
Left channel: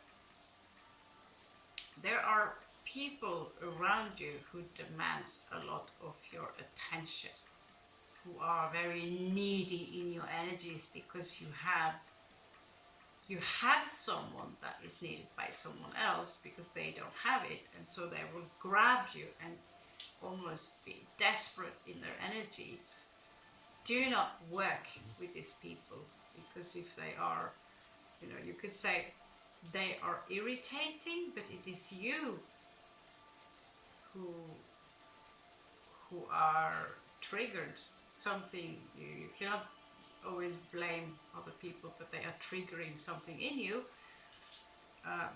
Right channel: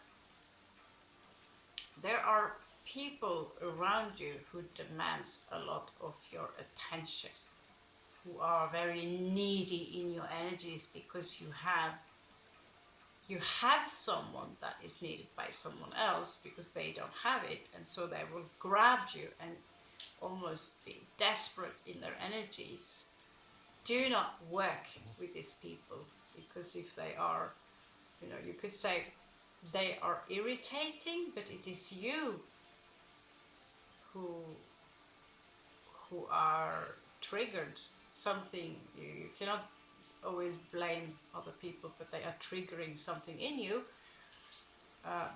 there are people around you who demands a lot of your attention, who are very needy in your energies because you have someone that is needed by someone else because they don't have it, and so they will grab you and almost be desperate in their energies. Do not work with these people, because if they are, you know, you could say they are irritating, but it is you who are triggered. Something you cannot always blame other people, but they are triggering something in you.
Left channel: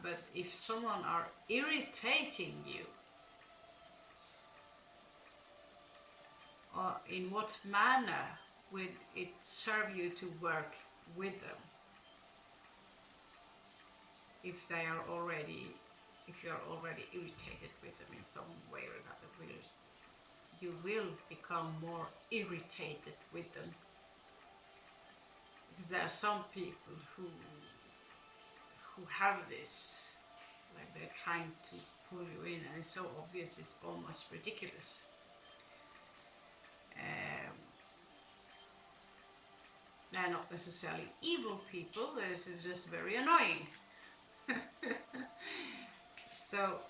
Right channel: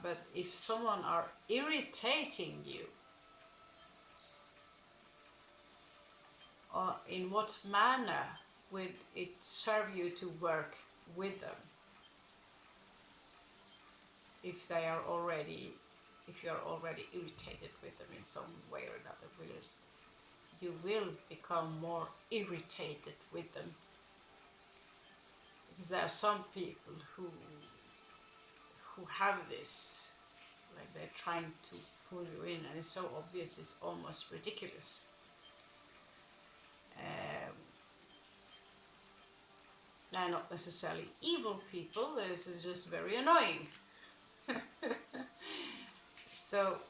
But if someone are irritating you, in what manner would it serve you to work with them? If you are already irritated with them in some way or another, you will become more irritated with them. Because there are some people who have this, like they're trying to pull you in, and it's so obvious, it's almost ridiculous. They're not necessarily evil people, this is just very annoying. So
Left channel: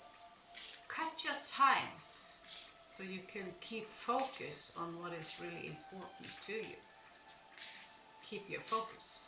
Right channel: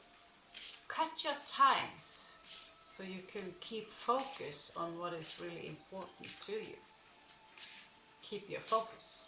cut your times so you can keep focus on what is really important to you. Keep your focus.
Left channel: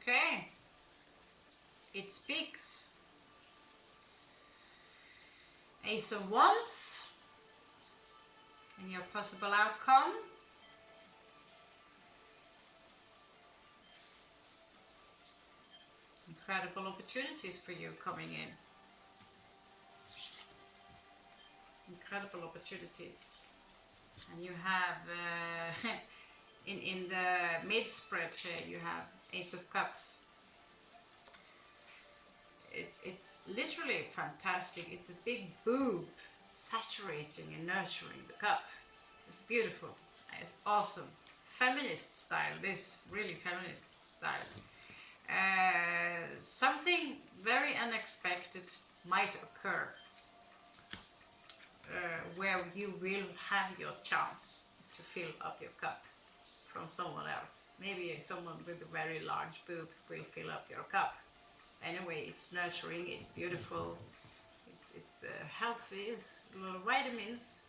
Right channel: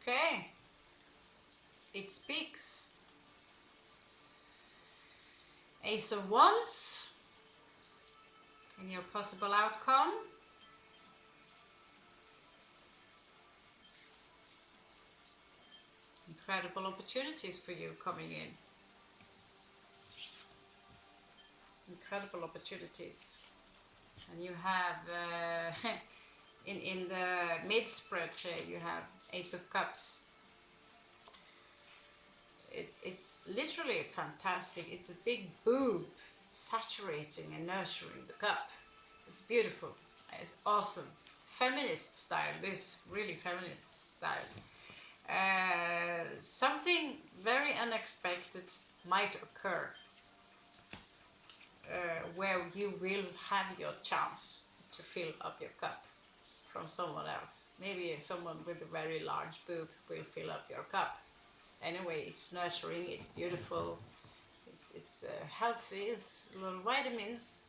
Okay, it speaks. Ace of Wands in your possible outcome. Incredible opportunities for you coming in. Incredible opportunities. And you have in the mid spread here you have Ace of Cups. It's literally fantastic. It's a big boob saturating and nurturing the cup. It's beautiful. It's awesome. Feminist style. This really feminist style. Something very unexpected might occur where you will have your chance to fill up your cup from someone else. Maybe someone with a very large boob will fill up your cup. Anyway, it's nurturing, it's beautiful, it's healthy, it's little vitamins.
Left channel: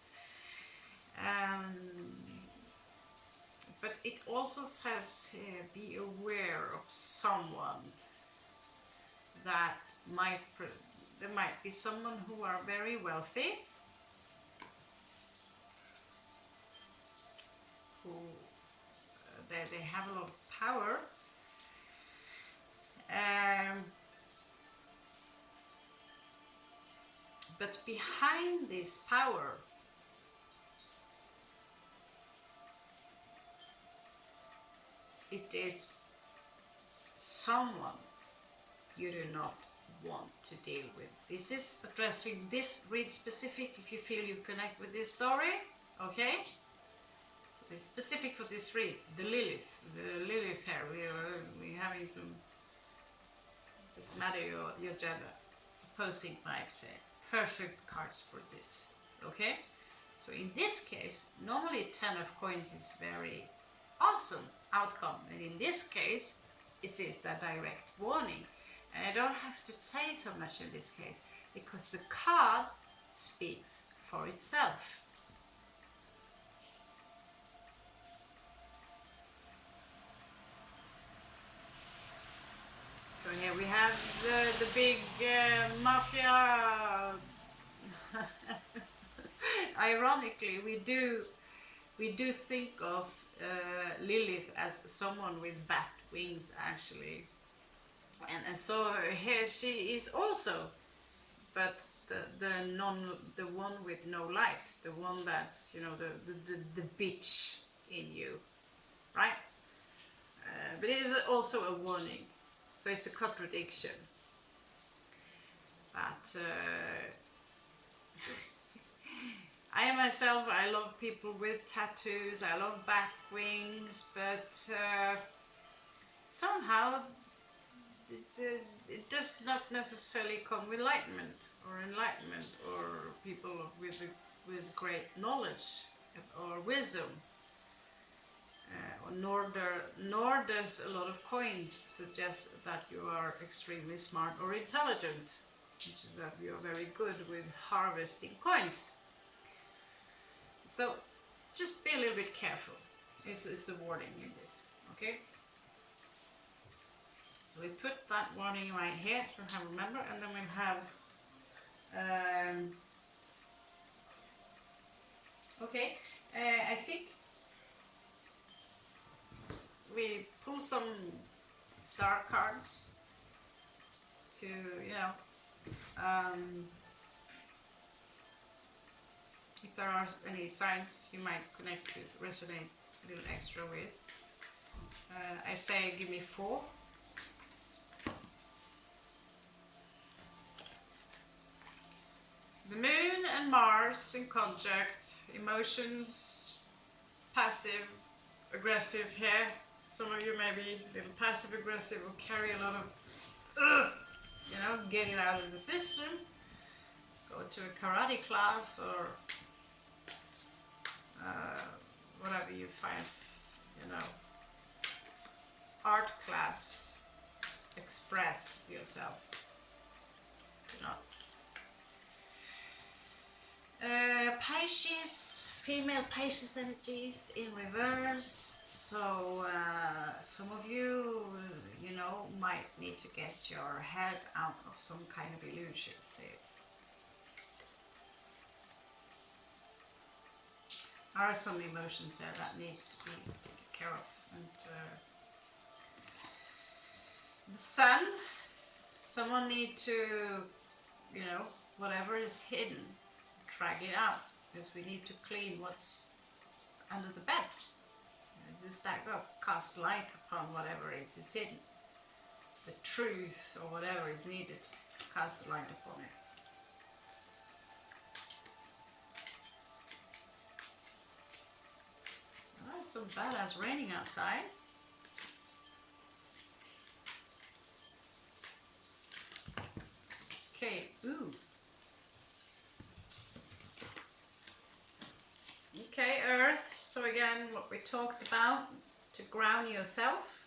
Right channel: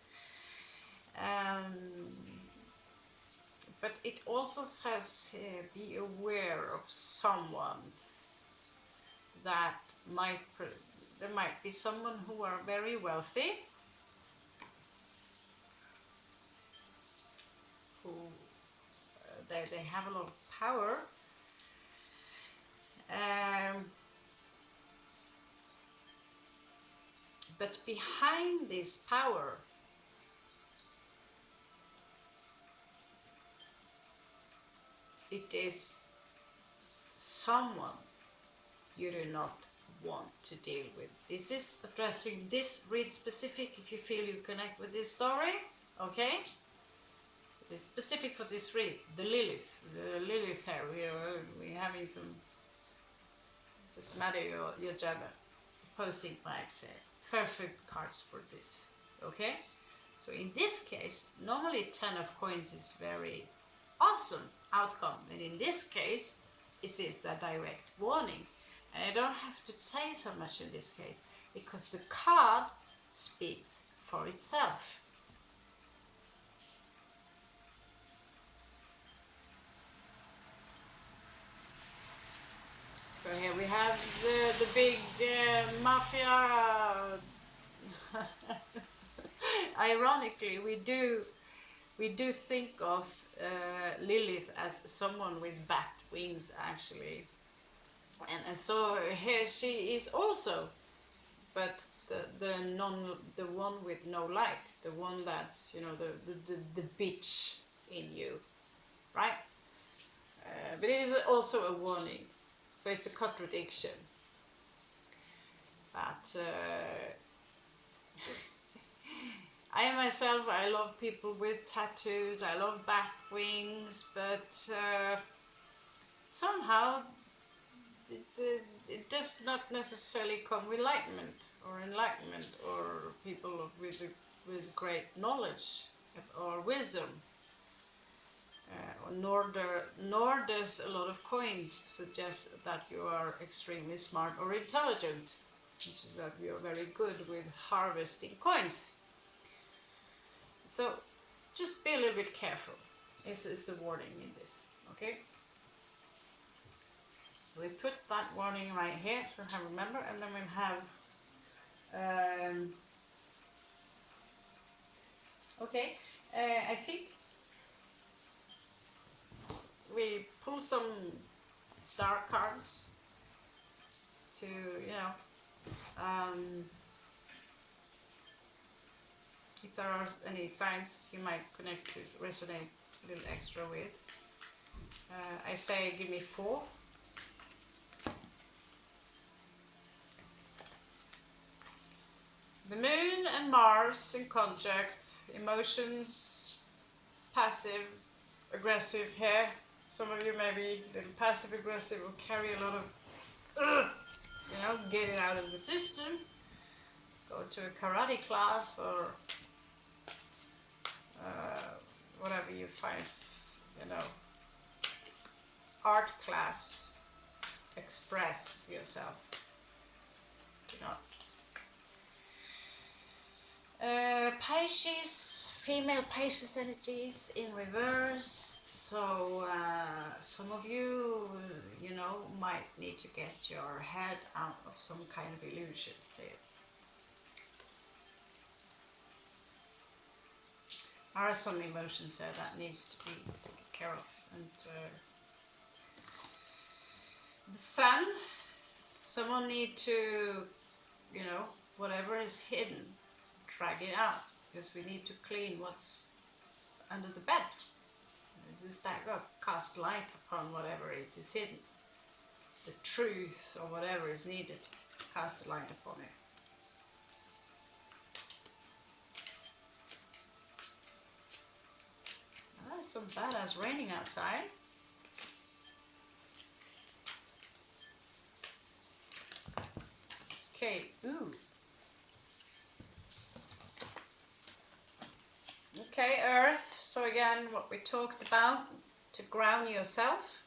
But it also says here, be aware of someone that there might be someone who are very wealthy, who they have a lot of power. But behind this power it is someone you do not want to deal with. This is addressing this read specific if you feel you connect with this story, okay? So it's specific for this read, the Lilith here. We're having some, just matter your gender, opposing vibes here. Perfect cards for this, okay? So in this case, normally 10 of coins is very awesome outcome, and in this case, it is a direct warning. And I don't have to say so much in this case, because the card speaks for itself. So here we have the big mafia. Ironically, we do think of Lilith as someone with bat wings, actually, and so here she is also, but the one with no light, the one that's, you know, the bitch in you, right? But it is also a warning, so it's a contradiction. But I myself, I love people with tattoos, I love bat wings, but somehow it does not necessarily come with enlightenment or people with great knowledge or wisdom. Nor does a lot of coins suggest that you are extremely smart or intelligent. It's just that you are very good with harvesting coins. So just be a little bit careful, is the warning in this, okay? So we put that warning right here, so we have remember, and then we'll have, okay, I think we pull some star cards to, you know, if there are any signs you might connect to, resonate a little extra with. I say give me 4. The Moon and Mars in conjunct, emotions, passive, aggressive here. Some of you may be a little passive aggressive or carry a lot of, you know, getting out of the system. Go to a karate class or whatever you find, you know, art class. Express yourself. Do not. Pisces, female Pisces energies in reverse. So some of you, you know, might need to get your head out of some kind of illusion. There are some emotions there that needs to be taken care of. And the Sun, someone need to, you know, whatever is hidden, drag it out, because we need to clean what's under the bed. Just stack up, cast light upon whatever is hidden. The truth or whatever is needed, cast light upon it. Oh, it's so badass raining outside. Okay, ooh. Okay, Earth. So again, what we talked about, to ground yourself.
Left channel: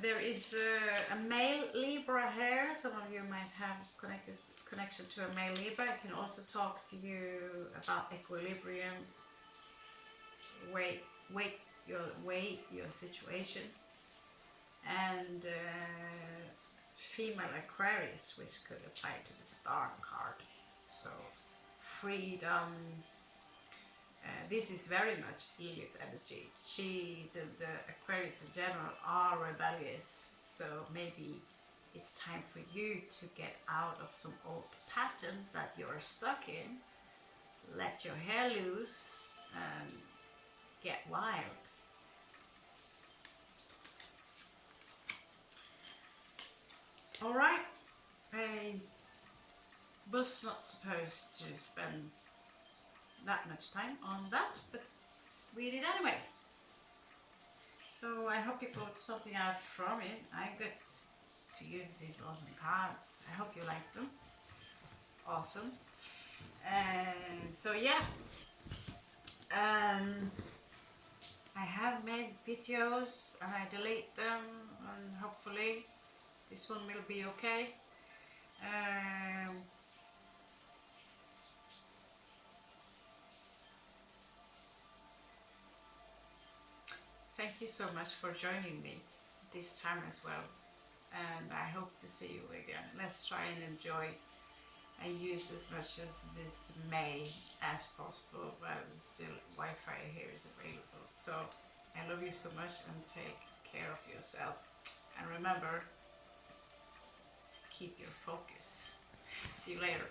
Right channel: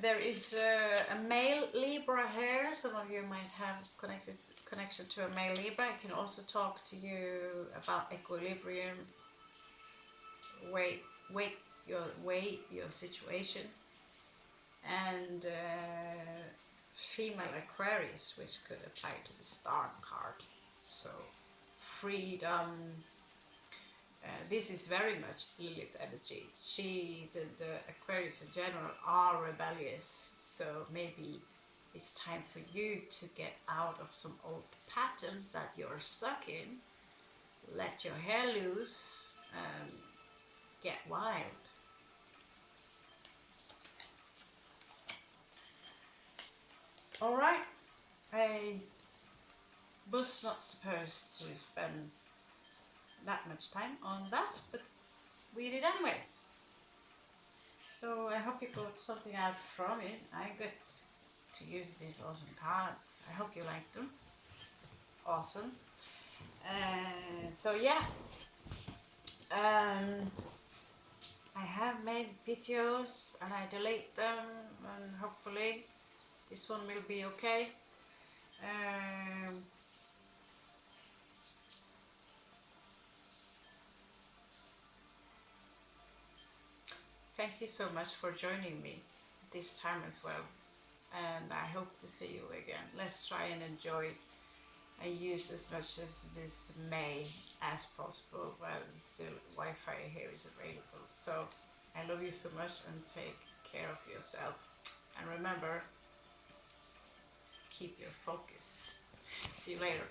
There is a male Libra here. Some of you might have connection to a male Libra. I can also talk to you about equilibrium. Weigh your situation. And female Aquarius, which could apply to the star card. So freedom. This is very much Lilith energy. The Aquarius in general are rebellious. So maybe it's time for you to get out of some old patterns that you're stuck in. Let your hair loose and get wild. Alright, I was not supposed to spend that much time on that, but we did anyway. So I hope you got something out from it. I got to use these awesome cards. I hope you like them. Awesome. So yeah, I have made videos and I delete them, and hopefully this one will be okay. Thank you so much for joining me this time as well, and I hope to see you again. Let's try and enjoy and use as much as this May as possible while still Wi-Fi here is available. So I love you so much, and take care of yourself, and remember, keep your focus. See you later.